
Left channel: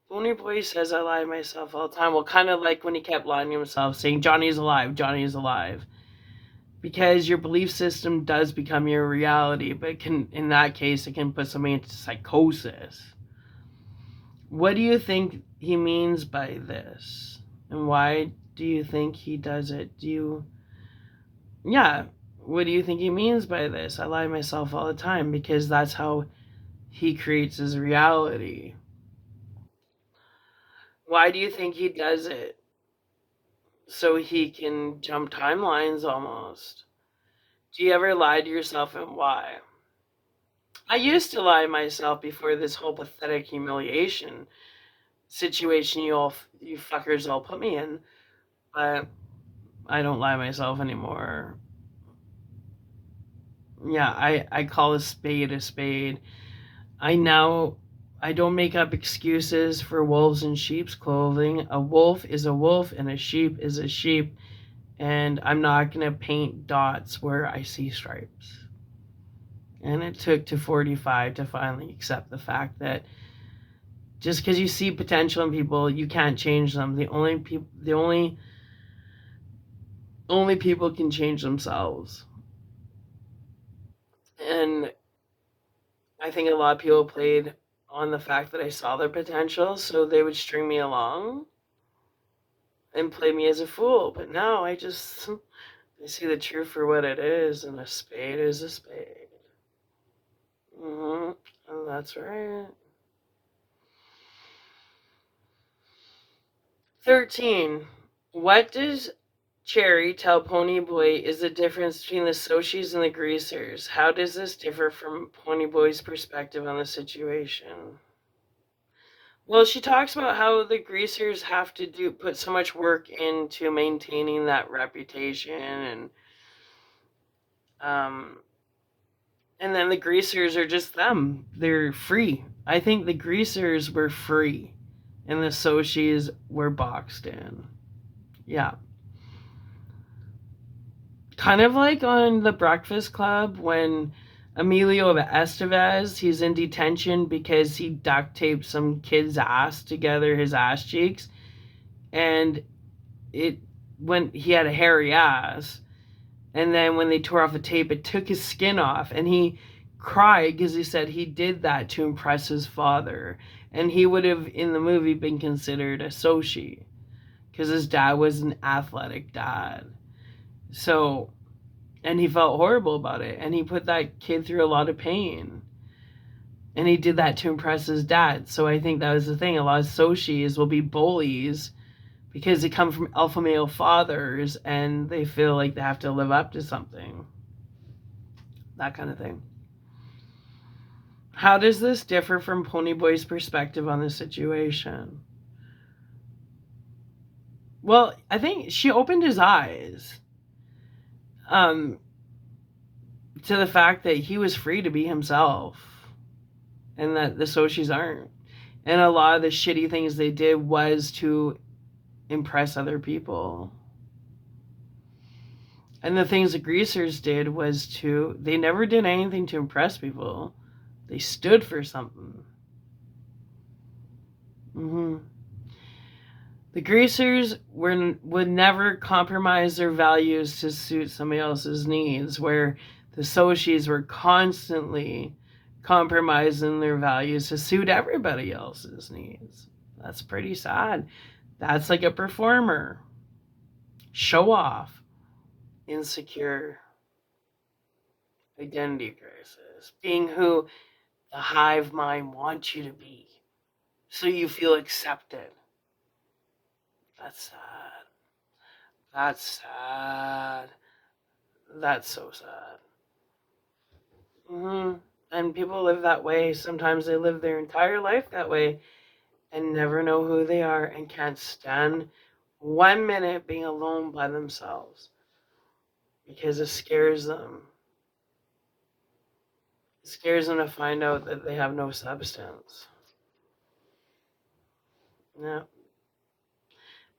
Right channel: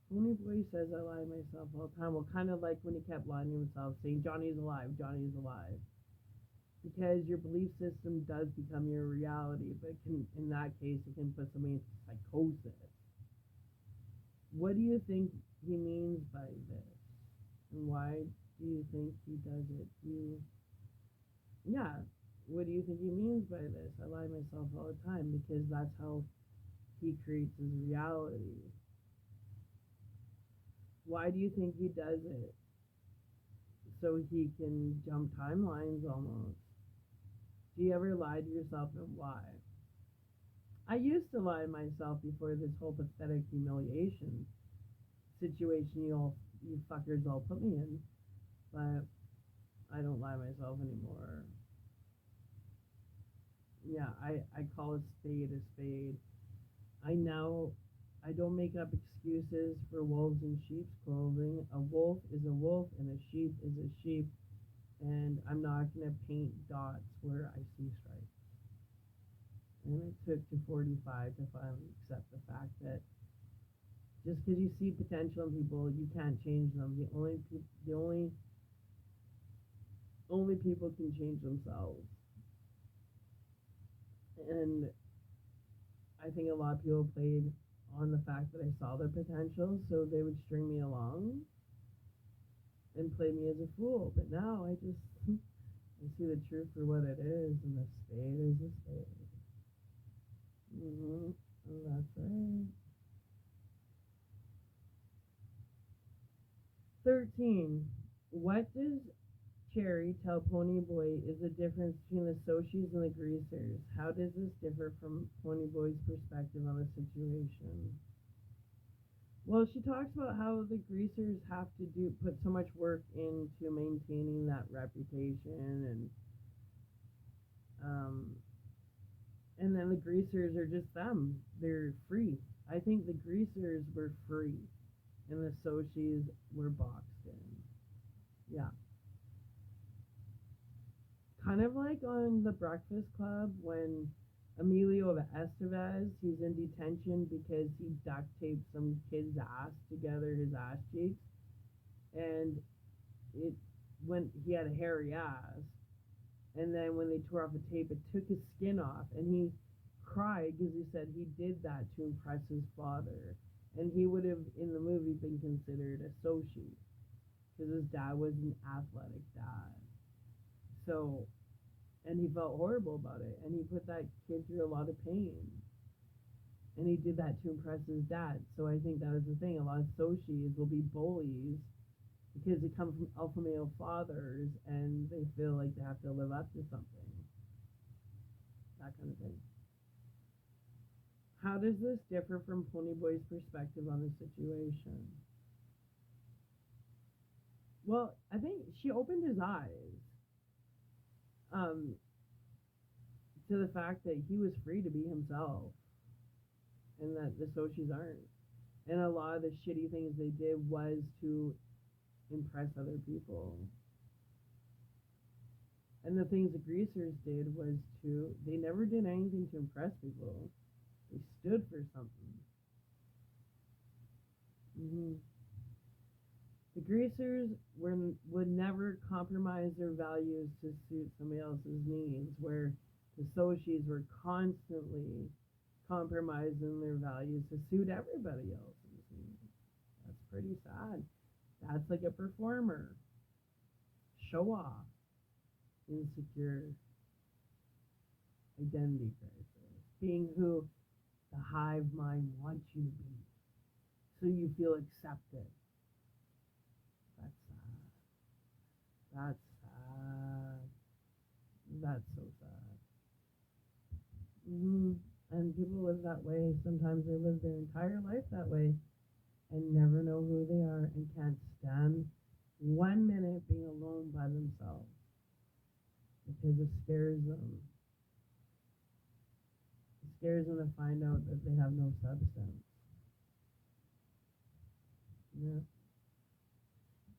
Ponyboy says, I lie to myself all the time. Well, kind of like when he kept lying to himself, saying, Johnny's alive, Johnny's alive. Because your belief system does become your reality, but it can, in that case, it can put somebody into psychosis. What do you think he means by this? And why do you think he does it? Yeah, what do you think he means by this? I lie to myself all the time, because that's how he creates his reality. Why do you think he does it? So he can jump timelines almost. Do you ever lie to yourself, and why? I used to lie to myself before this whole pathetic humiliation situation you fuckers all put me in, but I don't lie to myself anymore. Yeah, I call a spade a spade. I don't make up excuses for wolves in sheep's clothing. A wolf is a wolf and a sheep is a sheep, and I'm not going to paint dots where I see stripes. And it took to 45 to finally accept the fact that just because you see potential in people, you can't change them. The only people can change themselves. And I think a lot of people played on the fact that I saw their potential, so they would string me along and play me as a fool. But now I see the truth for what it is, and a spade is a spade. And that's right. 13. What does Cherry tell Ponyboy is the difference between the Soshis and the Greasers? How does this differ from Ponyboy's perspective on the situation? Well, she talks about how the Greasers have to put so much work into maintaining that reputation, um, and then the Greasers are just them. They're free. I think the Greasers were free, and the Soshis were boxed in. Yeah. Kind of like on The Breakfast Club when Emilio Estevez, he's in detention because he duct taped some kid's ass together, his ass cheeks, and when he had a hairy ass, and then when they tore off the tape, it took his skin off, and he cried because he said he did that to impress his father, and he would have in the movie been considered a Soshi because his dad was an athletic dad. So And he felt horrible about it. And he put that kid through a lot of pain. And he did that to impress his dad. So I think that was the thing. A lot of Soshis will be bullies because they come from alpha male fathers and they feel like they have to live up to something. That kind of thing. How does this differ from Ponyboy's perspective on the situation? Well, I think she opened his eyes um, to the fact that he was free to be himself and that the Soshis aren't. And a lot of the shitty things they did was to impress other people. And the things the greasers did was they never did anything to impress people. They stood for something. Mm-hmm. The greasers would never compromise their values to suit somebody else's needs, where the Soshis were constantly compromising their values to suit everybody else's needs. That's pretty sad. That's like a performer. Show off. Insecure. Identity crisis. Being who the hive mind wants you to be. So you feel accepted. That's sad. That's sad. That's so sad. And people live that way. Sometimes they live their entire life that way and never know who they are and can't stand 1 minute being alone by themselves because it scares them. It scares them to find out that they have no substance. No.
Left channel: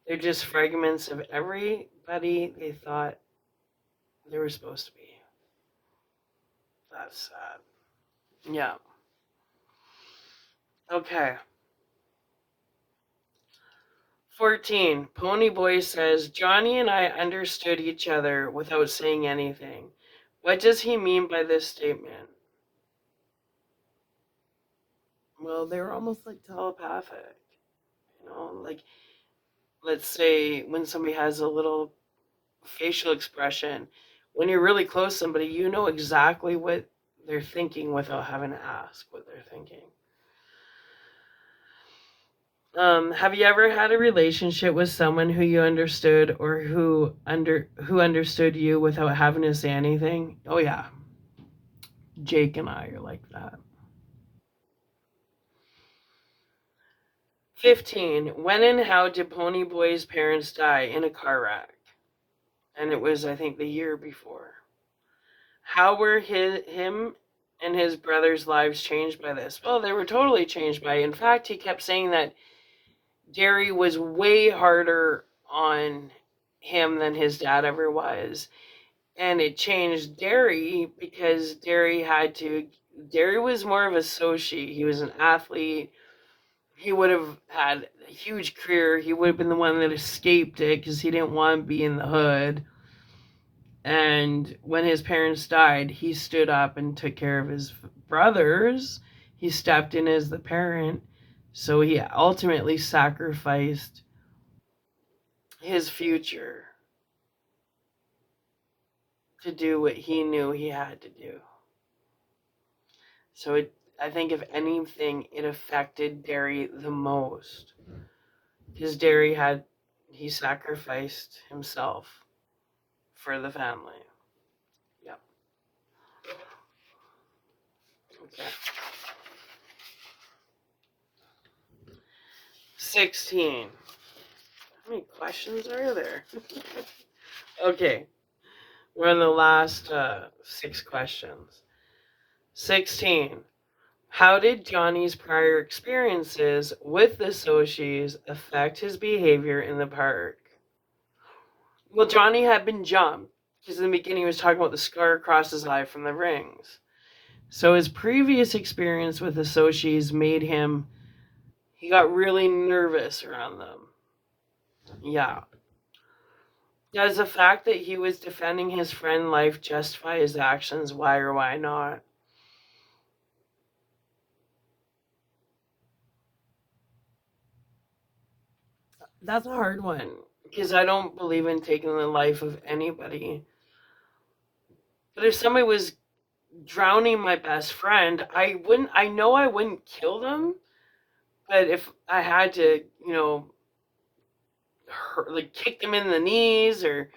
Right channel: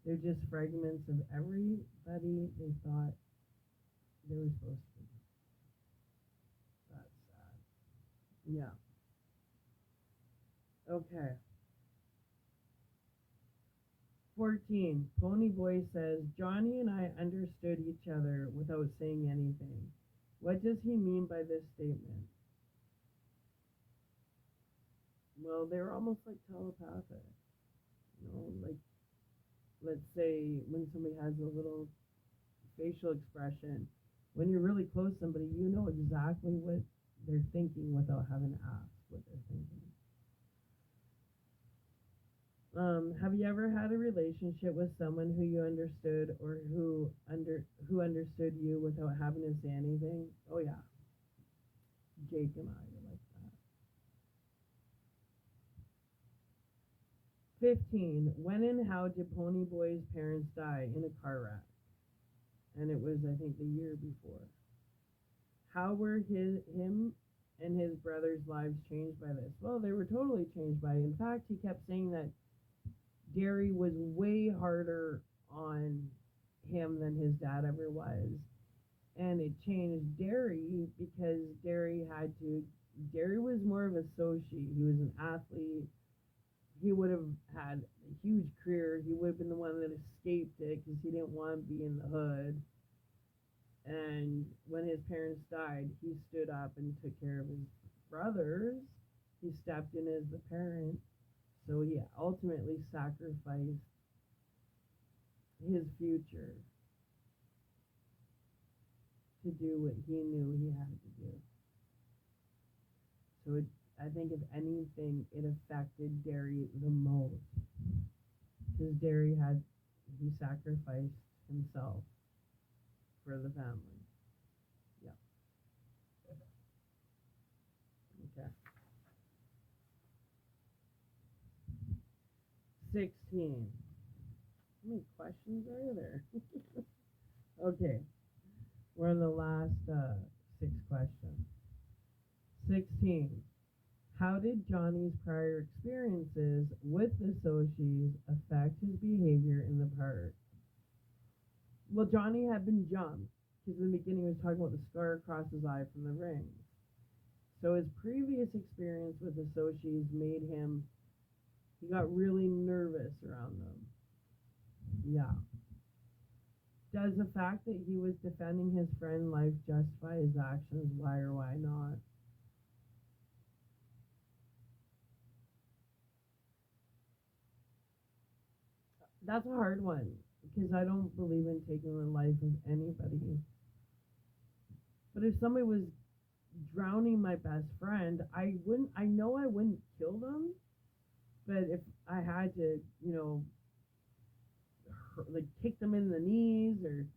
They're just fragments of everybody they thought they were supposed to be. That's sad. Yeah. Okay. 14. Ponyboy says, Johnny and I understood each other without saying anything. What does he mean by this statement? Well, they were almost like telepathic. Like, let's say when somebody has a little facial expression, when you're really close to somebody, you know exactly what they're thinking without having to ask what they're thinking. Have you ever had a relationship with someone who you understood or who understood you without having to say anything? Oh yeah. Jake and I are like that. 15. When and how did Ponyboy's parents die in a car wreck? And it was, I think, the year before. How were him and his brother's lives changed by this? Well, they were totally changed by it. In fact, he kept saying that Derry was way harder on him than his dad ever was. And it changed Derry because Derry was more of a Soshi. He was an athlete. He would have had a huge career. He would have been the one that escaped it because he didn't want to be in the hood. And when his parents died, he stood up and took care of his brothers. He stepped in as the parent. So he ultimately sacrificed his future to do what he knew he had to do. So I think if anything, it affected Derry the most. Because Derry he sacrificed himself for the family. Yep. Okay. 16. How many questions are there? Okay. We're on the last 6 questions. 16. How did Johnny's prior experiences with the Soshis affect his behavior in the park? Well, Johnny had been jumped because in the beginning he was talking about the scar across his eye from the rings. So his previous experience with the Soshis made he got really nervous around them. Yeah. Does the fact that he was defending his friend's life justify his actions? Why or why not? That's a hard one because I don't believe in taking the life of anybody But if somebody was drowning my best friend, I know I wouldn't kill them, but if I had to, like kick them in the knees or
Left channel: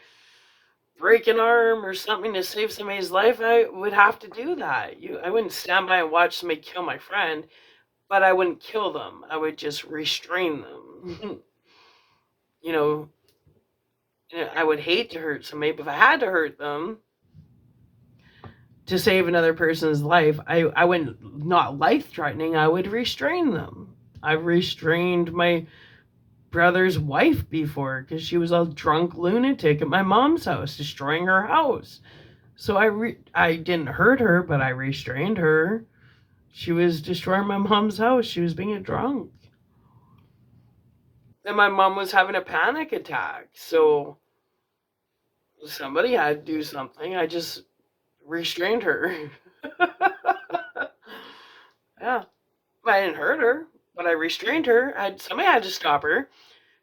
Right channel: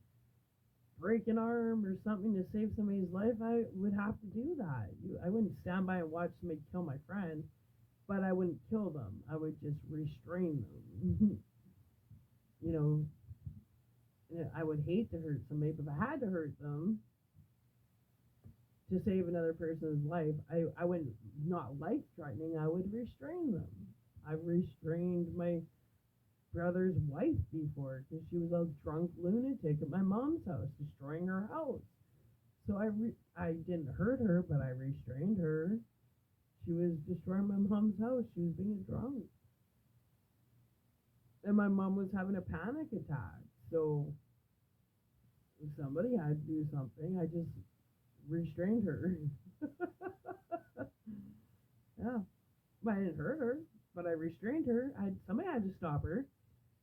break an arm or something to save somebody's life, I would have to do that. I wouldn't stand by and watch somebody kill my friend, but I wouldn't kill them. I would just restrain them. you know, I would hate to hurt somebody, but if I had to hurt them to save another person's life, I wouldn't, not life threatening, I would restrain them. I've restrained my brother's wife before because she was a drunk lunatic at my mom's house, destroying her house. So I didn't hurt her, but I restrained her. She was destroying my mom's house. She was being a drunk. And my mom was having a panic attack. So somebody had to do something. I just restrained her. Yeah. But I didn't hurt her, but I restrained her. Somebody had to stop her.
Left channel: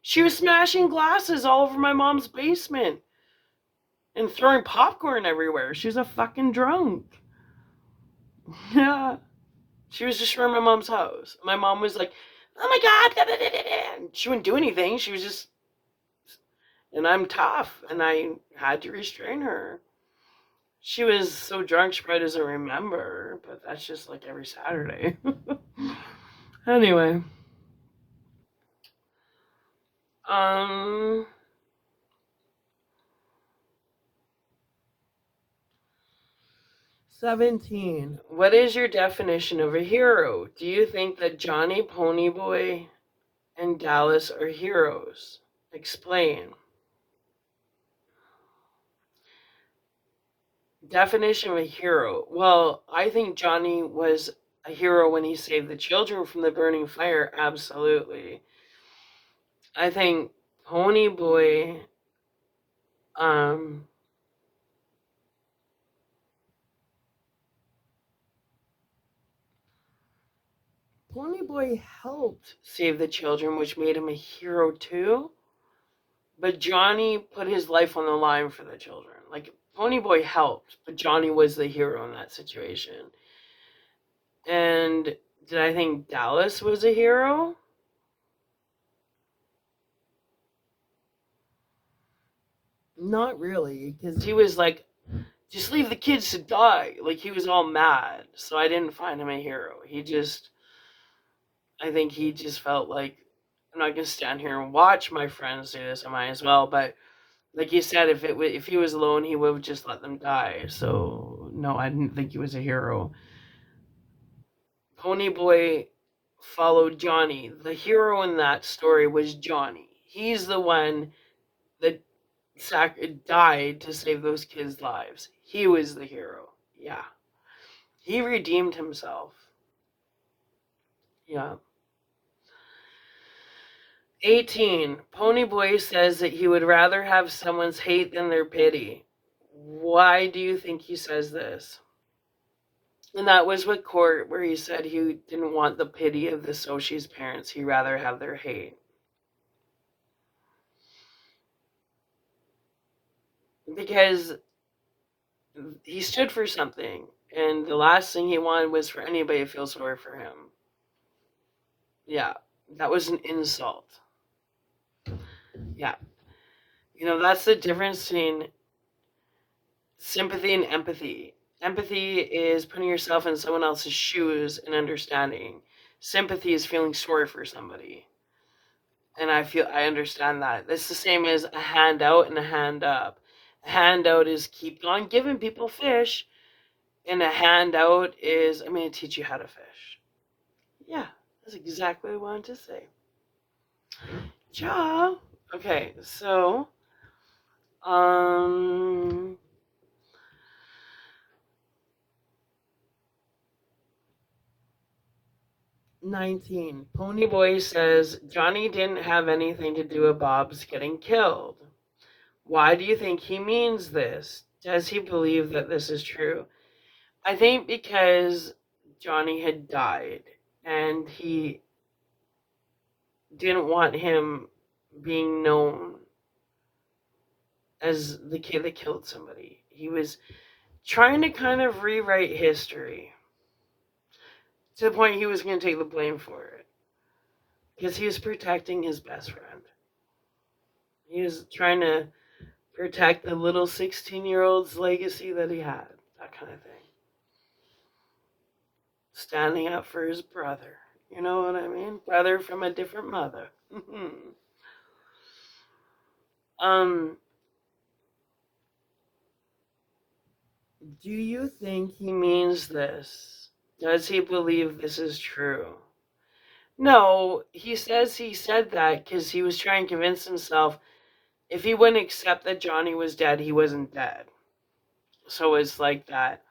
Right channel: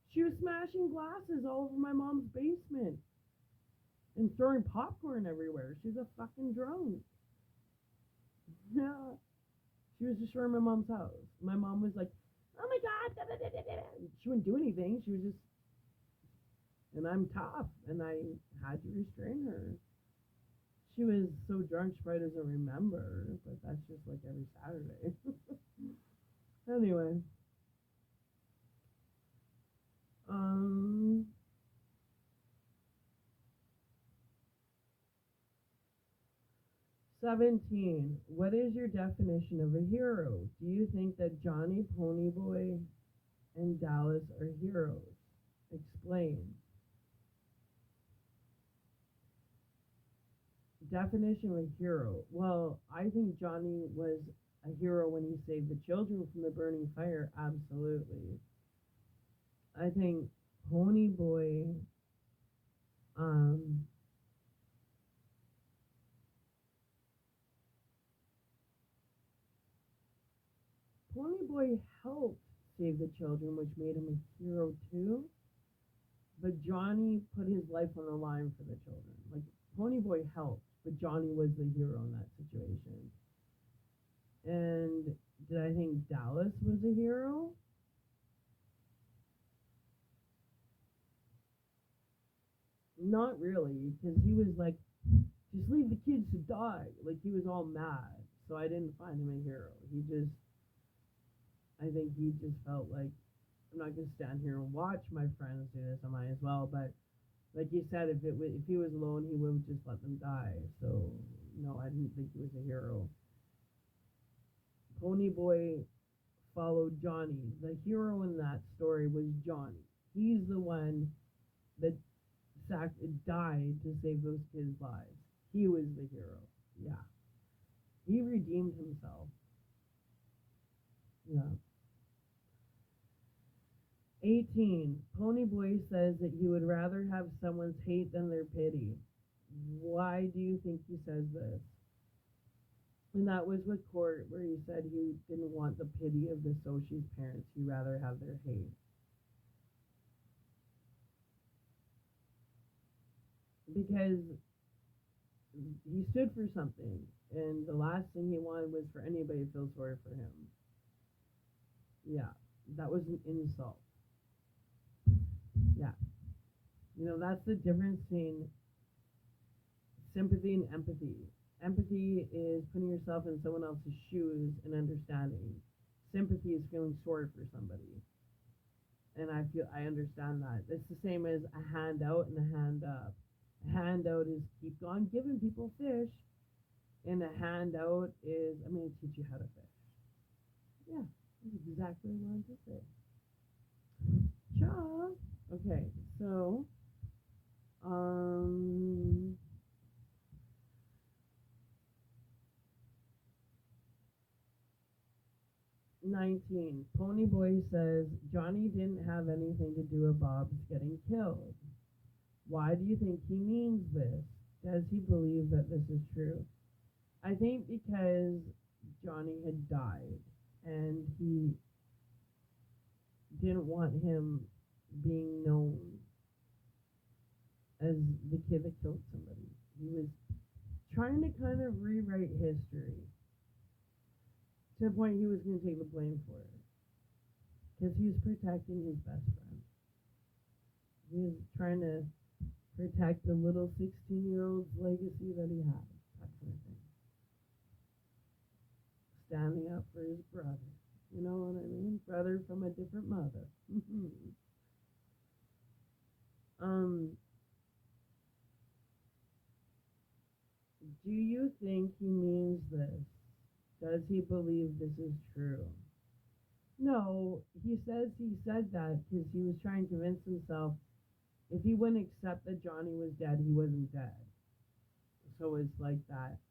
She was smashing glasses all over my mom's basement and throwing popcorn everywhere. She was a fucking drunk. Yeah. She was destroying my mom's house. My mom was like, oh my God. She wouldn't do anything. She was just, and I'm tough. And I had to restrain her. She was so drunk she probably doesn't remember, but that's just like every Saturday. Anyway. Um 17. What is your definition of a hero? Do you think that Johnny Ponyboy and Dallas are heroes? Explain. Definition of a hero. Well, I think Johnny was a hero when he saved the children from the burning fire. Absolutely. I think Ponyboy, um, Ponyboy helped save the children, which made him a hero too. But Johnny put his life on the line for the children. Like Ponyboy helped, but Johnny was the hero in that situation. And did I think Dallas was a hero? Not really, because he was like, just leave the kids to die. Like he was all mad. So I didn't find him a hero. I think he just felt like, I'm not gonna stand here and watch my friends do this. I might as well. But like you said, if he was alone, he would have just let them die. So no, I didn't think he was a hero. Ponyboy followed Johnny. The hero in that story was Johnny. He's the one that died to save those kids' lives. He was the hero. Yeah. He redeemed himself. Yeah. 18. Ponyboy says that he would rather have someone's hate than their pity. Why do you think he says this? And that was with Court, where he said he didn't want the pity of the Soshi's parents. He'd rather have their hate. Because he stood for something, and the last thing he wanted was for anybody to feel sorry for him. Yeah, that was an insult. Yeah. That's the difference between sympathy and empathy. Empathy is putting yourself in someone else's shoes and understanding. Sympathy is feeling sorry for somebody. And I understand that. It's the same as a hand out and a hand up. A hand out is keep on giving people fish, and a hand out is I'm going to teach you how to fish. Yeah, that's exactly what I wanted to say. Ja. Okay, so um 19. Ponyboy says Johnny didn't have anything to do with Bob's getting killed. Why do you think he means this? Does he believe that this is true? I think because Johnny had died and he didn't want him being known as the kid that killed somebody. trying to kind of rewrite history to the point he was going to take the blame for it because he was protecting his best friend. He was trying to protect the little 16-year-old's legacy that he had, that kind of thing. Standing up for his brother. You know what I mean? Brother from a different mother. um, do you think he means this? Does he believe this is true? No, he says he said that because he was trying to convince himself if he wouldn't accept that Johnny was dead, he wasn't dead. So it's like that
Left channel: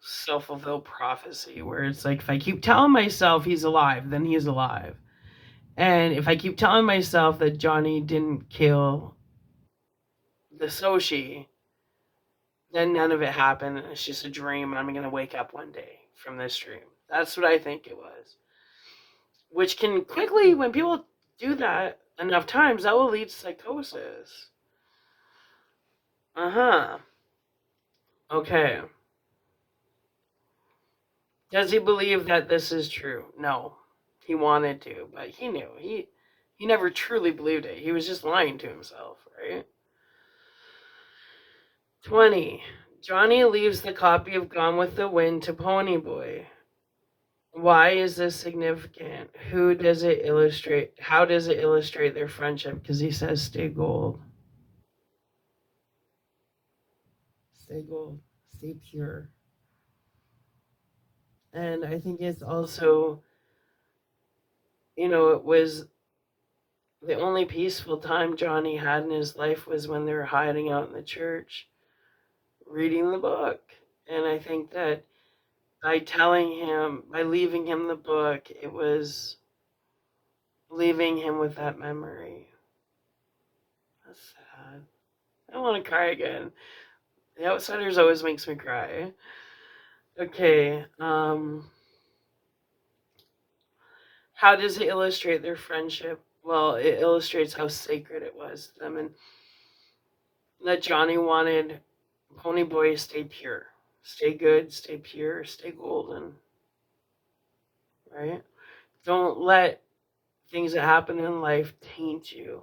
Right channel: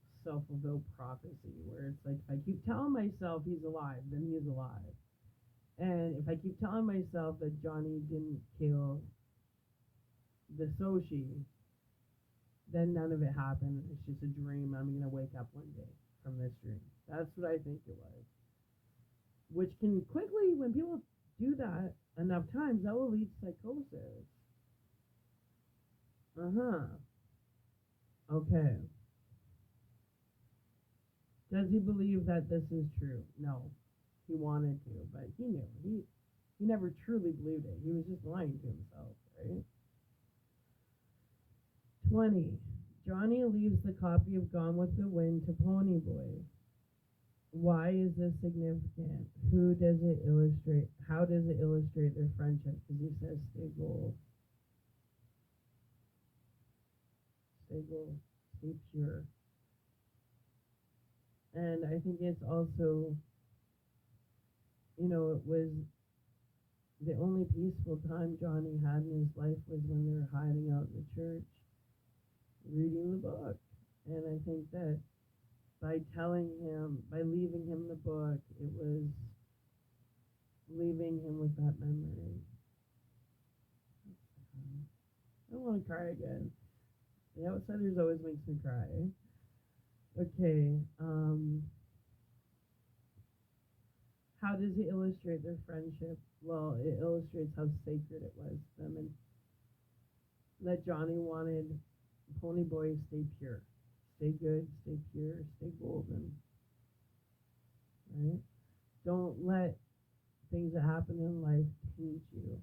self-fulfilled prophecy where it's like if I keep telling myself he's alive, then he's alive. And if I keep telling myself that Johnny didn't kill the Soshi, then none of it happened. And it's just a dream, and I'm going to wake up one day from this dream. That's what I think it was. Which can quickly, when people do that enough times, that will lead to psychosis. Uh-huh. Okay. Does he believe that this is true? No. He wanted to, but he knew. He never truly believed it. He was just lying to himself, right? 20. Johnny leaves the copy of Gone with the Wind to Ponyboy. Why is this significant? Who does it illustrate? How does it illustrate their friendship? Because he says, stay gold. Stay gold. Stay pure. And I think it's also, it was the only peaceful time Johnny had in his life was when they were hiding out in the church, reading the book. And I think that by leaving him the book, it was leaving him with that memory. That's sad. I don't want to cry again. The Outsiders always makes me cry. Okay, how does it illustrate their friendship? Well, it illustrates how sacred it was to them and that Johnny wanted Ponyboy to stay pure. Stay good, stay pure, stay golden. Right? Don't let things that happen in life taint you.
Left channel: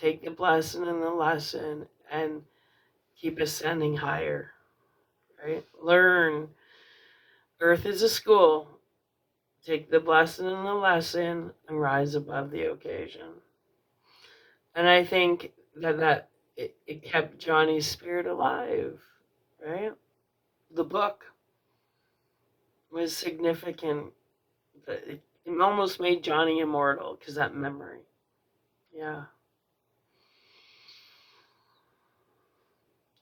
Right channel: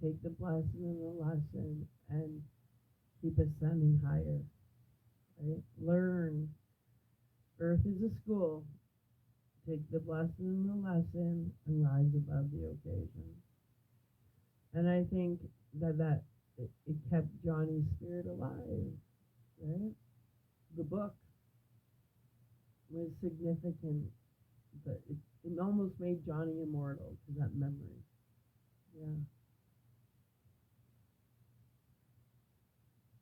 Take the blessing and the lesson and keep ascending higher. Right? Learn. Earth is a school. Take the blessing and the lesson and rise above the occasion. And I think that it kept Johnny's spirit alive, right? The book was significant. It almost made Johnny immortal because that memory. Yeah.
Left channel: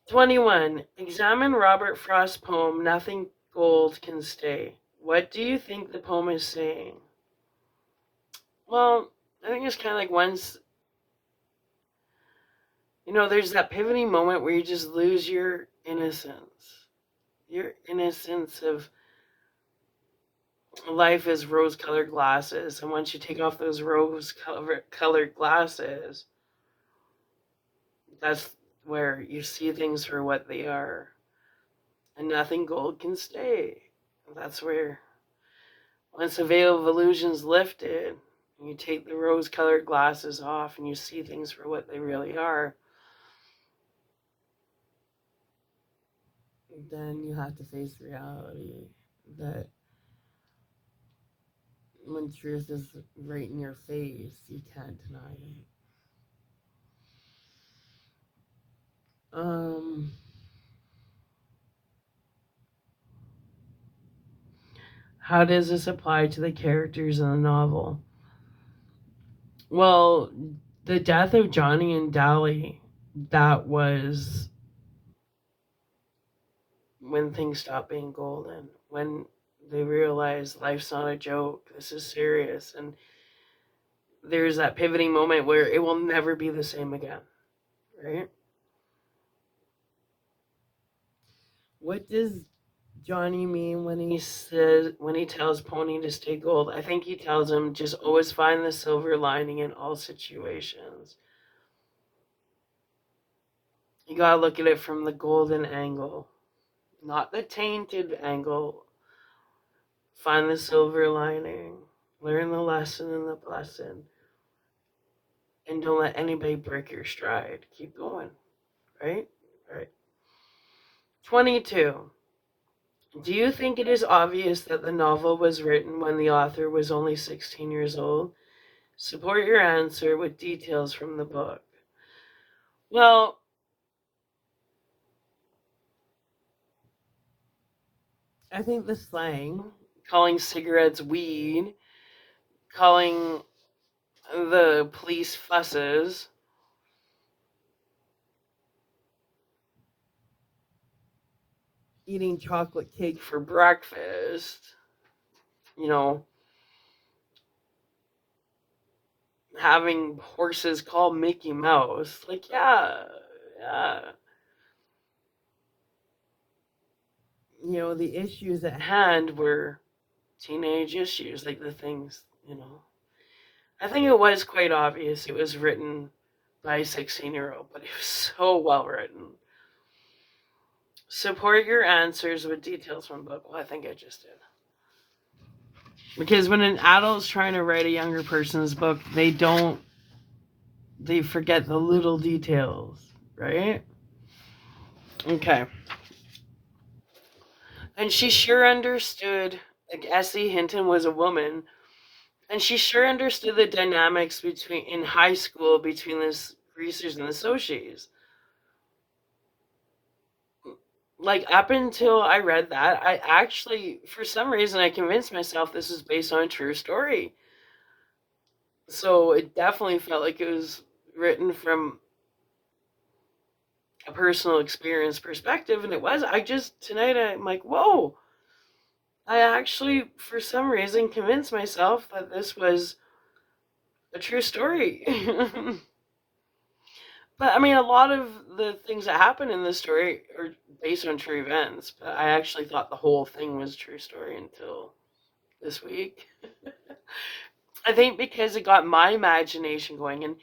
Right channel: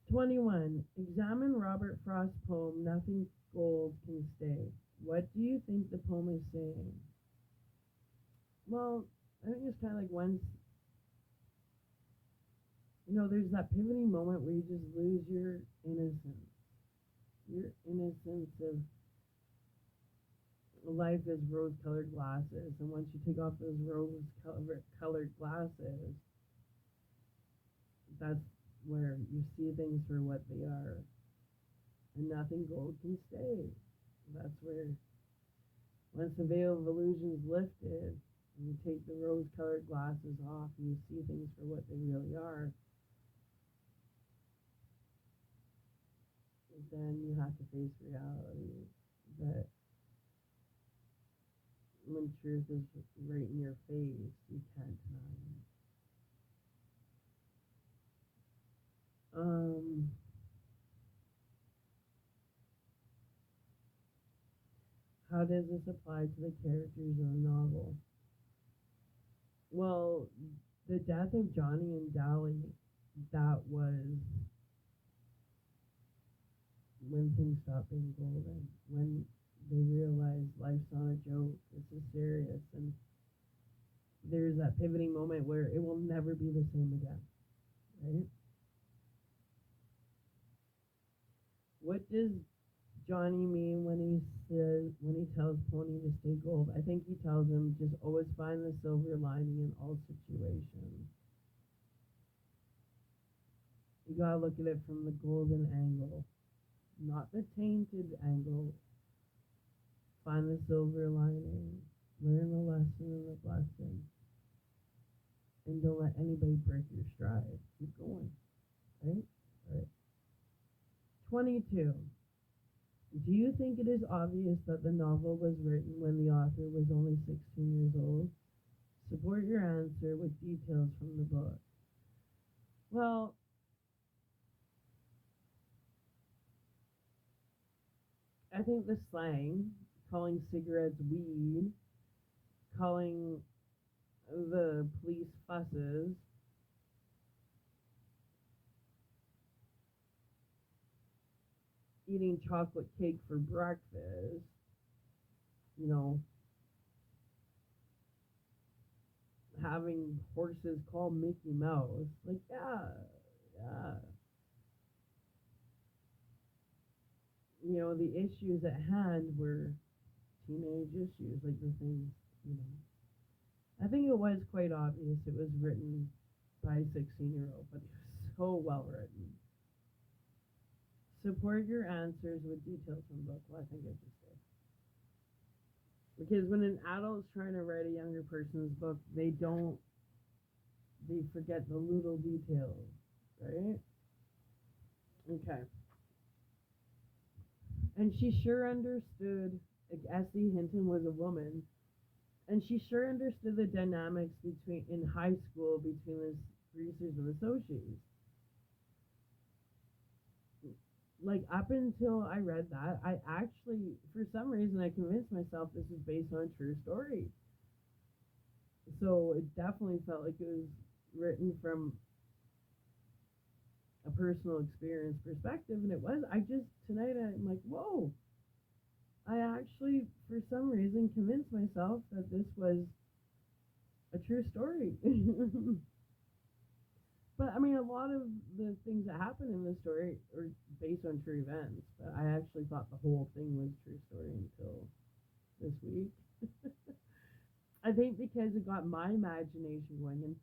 21. Examine Robert Frost's poem, Nothing Gold Can Stay. What do you think the poem is saying? Well, I think it's kind of like once, there's that pivoting moment where you just lose your innocence. Your innocence of life is rose-colored glasses. And once you take off those rose-colored glasses, that's where you see things for what they are. And nothing gold can stay. That's where, once the veil of illusion's lifted, you take the rose-colored glasses off and you see things for what they really are, then you have to face reality that when truth is right in your face, you can't deny it. How does this apply to the characters in the novel? Well, the death of Johnny and Dolly, that was when things stopped being golden, when they realized life's not a joke, this is serious, and there's that pivoting moment where it will never be the same again, right? What does Johnny mean when he tells Pony to stay gold? I think he tells him just always find the silver lining in all situations. You gotta look at it from the golden angle, not the tainted angle. Find the silver lining, learn the lesson and the blessing, and don't let anybody break your stride. Keep going, right? Right. 22. Do you think it is obvious that the novel was written when the author was only 16 years old? Support your answer with details from the book. Well, I think the slang, calling cigarettes weed, calling the police fusses, eating chocolate cake for breakfast, you know, having horses called Mickey Mouse. Like, yeah. You know, the issues at hand were teenage issues, like the things, you know. I think it was quite obvious it was written by a 16-year-old, but it was so well written. Support your answers with details from the book. Well, I think I just did. Because when an adult's trying to write a younger person's book, they forget the little details, right? Okay. And she sure understood, like S.E. Hinton was a woman, and she sure understood the dynamics in high school between the greasers and the Socs. Like, up until I read that, I actually, for some reason, I convinced myself this was based on a true story. So it definitely felt like it was written from a personal experience perspective, and it was. Tonight I'm like, whoa. I actually, for some reason, convinced myself that this was a true story. But I mean, a lot of the things that happen in this story are based on true events. But I actually thought the whole thing was a true story until this week. I think because it got my imagination going,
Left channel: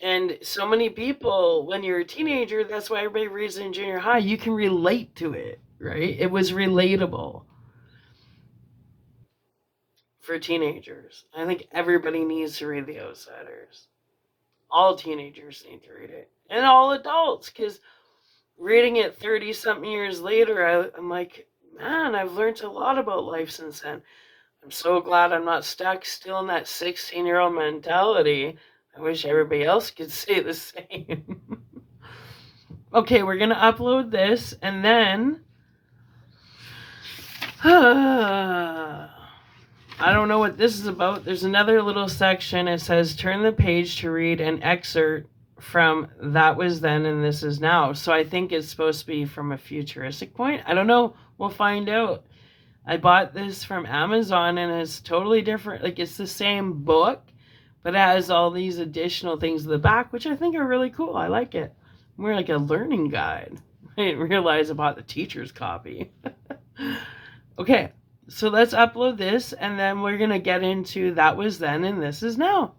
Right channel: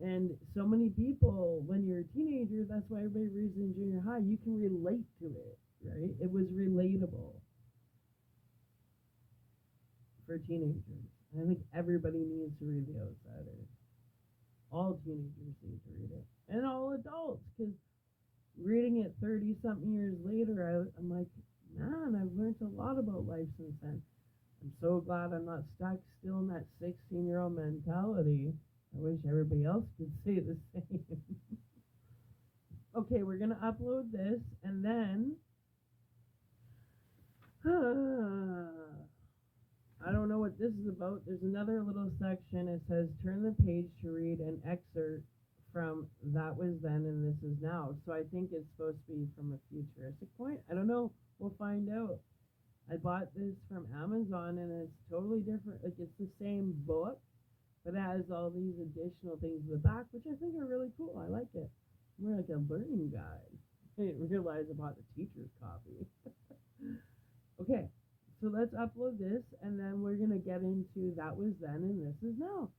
and so many people, when you're a teenager, that's why everybody reads in junior high. You can relate to it, right? It was relatable for teenagers. I think everybody needs to read The Outsiders. All teenagers need to read it, and all adults, because reading it 30 something years later, I'm like, man, I've learned a lot about life since then. I'm so glad I'm not stuck still in that 16-year-old mentality. I wish everybody else could say the same. Okay, we're going to upload this, and then I don't know what this is about. There's another little section. It says, turn the page to read an excerpt from That Was Then and This Is Now. So I think it's supposed to be from a futuristic point. I don't know. We'll find out. I bought this from Amazon, and it's totally different. Like, it's the same book, but it has all these additional things in the back, which I think are really cool. I like it. More like a learning guide. I didn't realize I bought the teacher's copy. Okay, so let's upload this, and then we're going to get into That Was Then and This Is Now.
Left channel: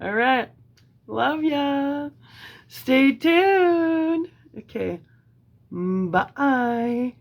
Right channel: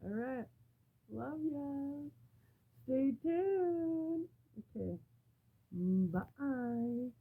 All right. Love ya. Stay tuned. Okay. Bye.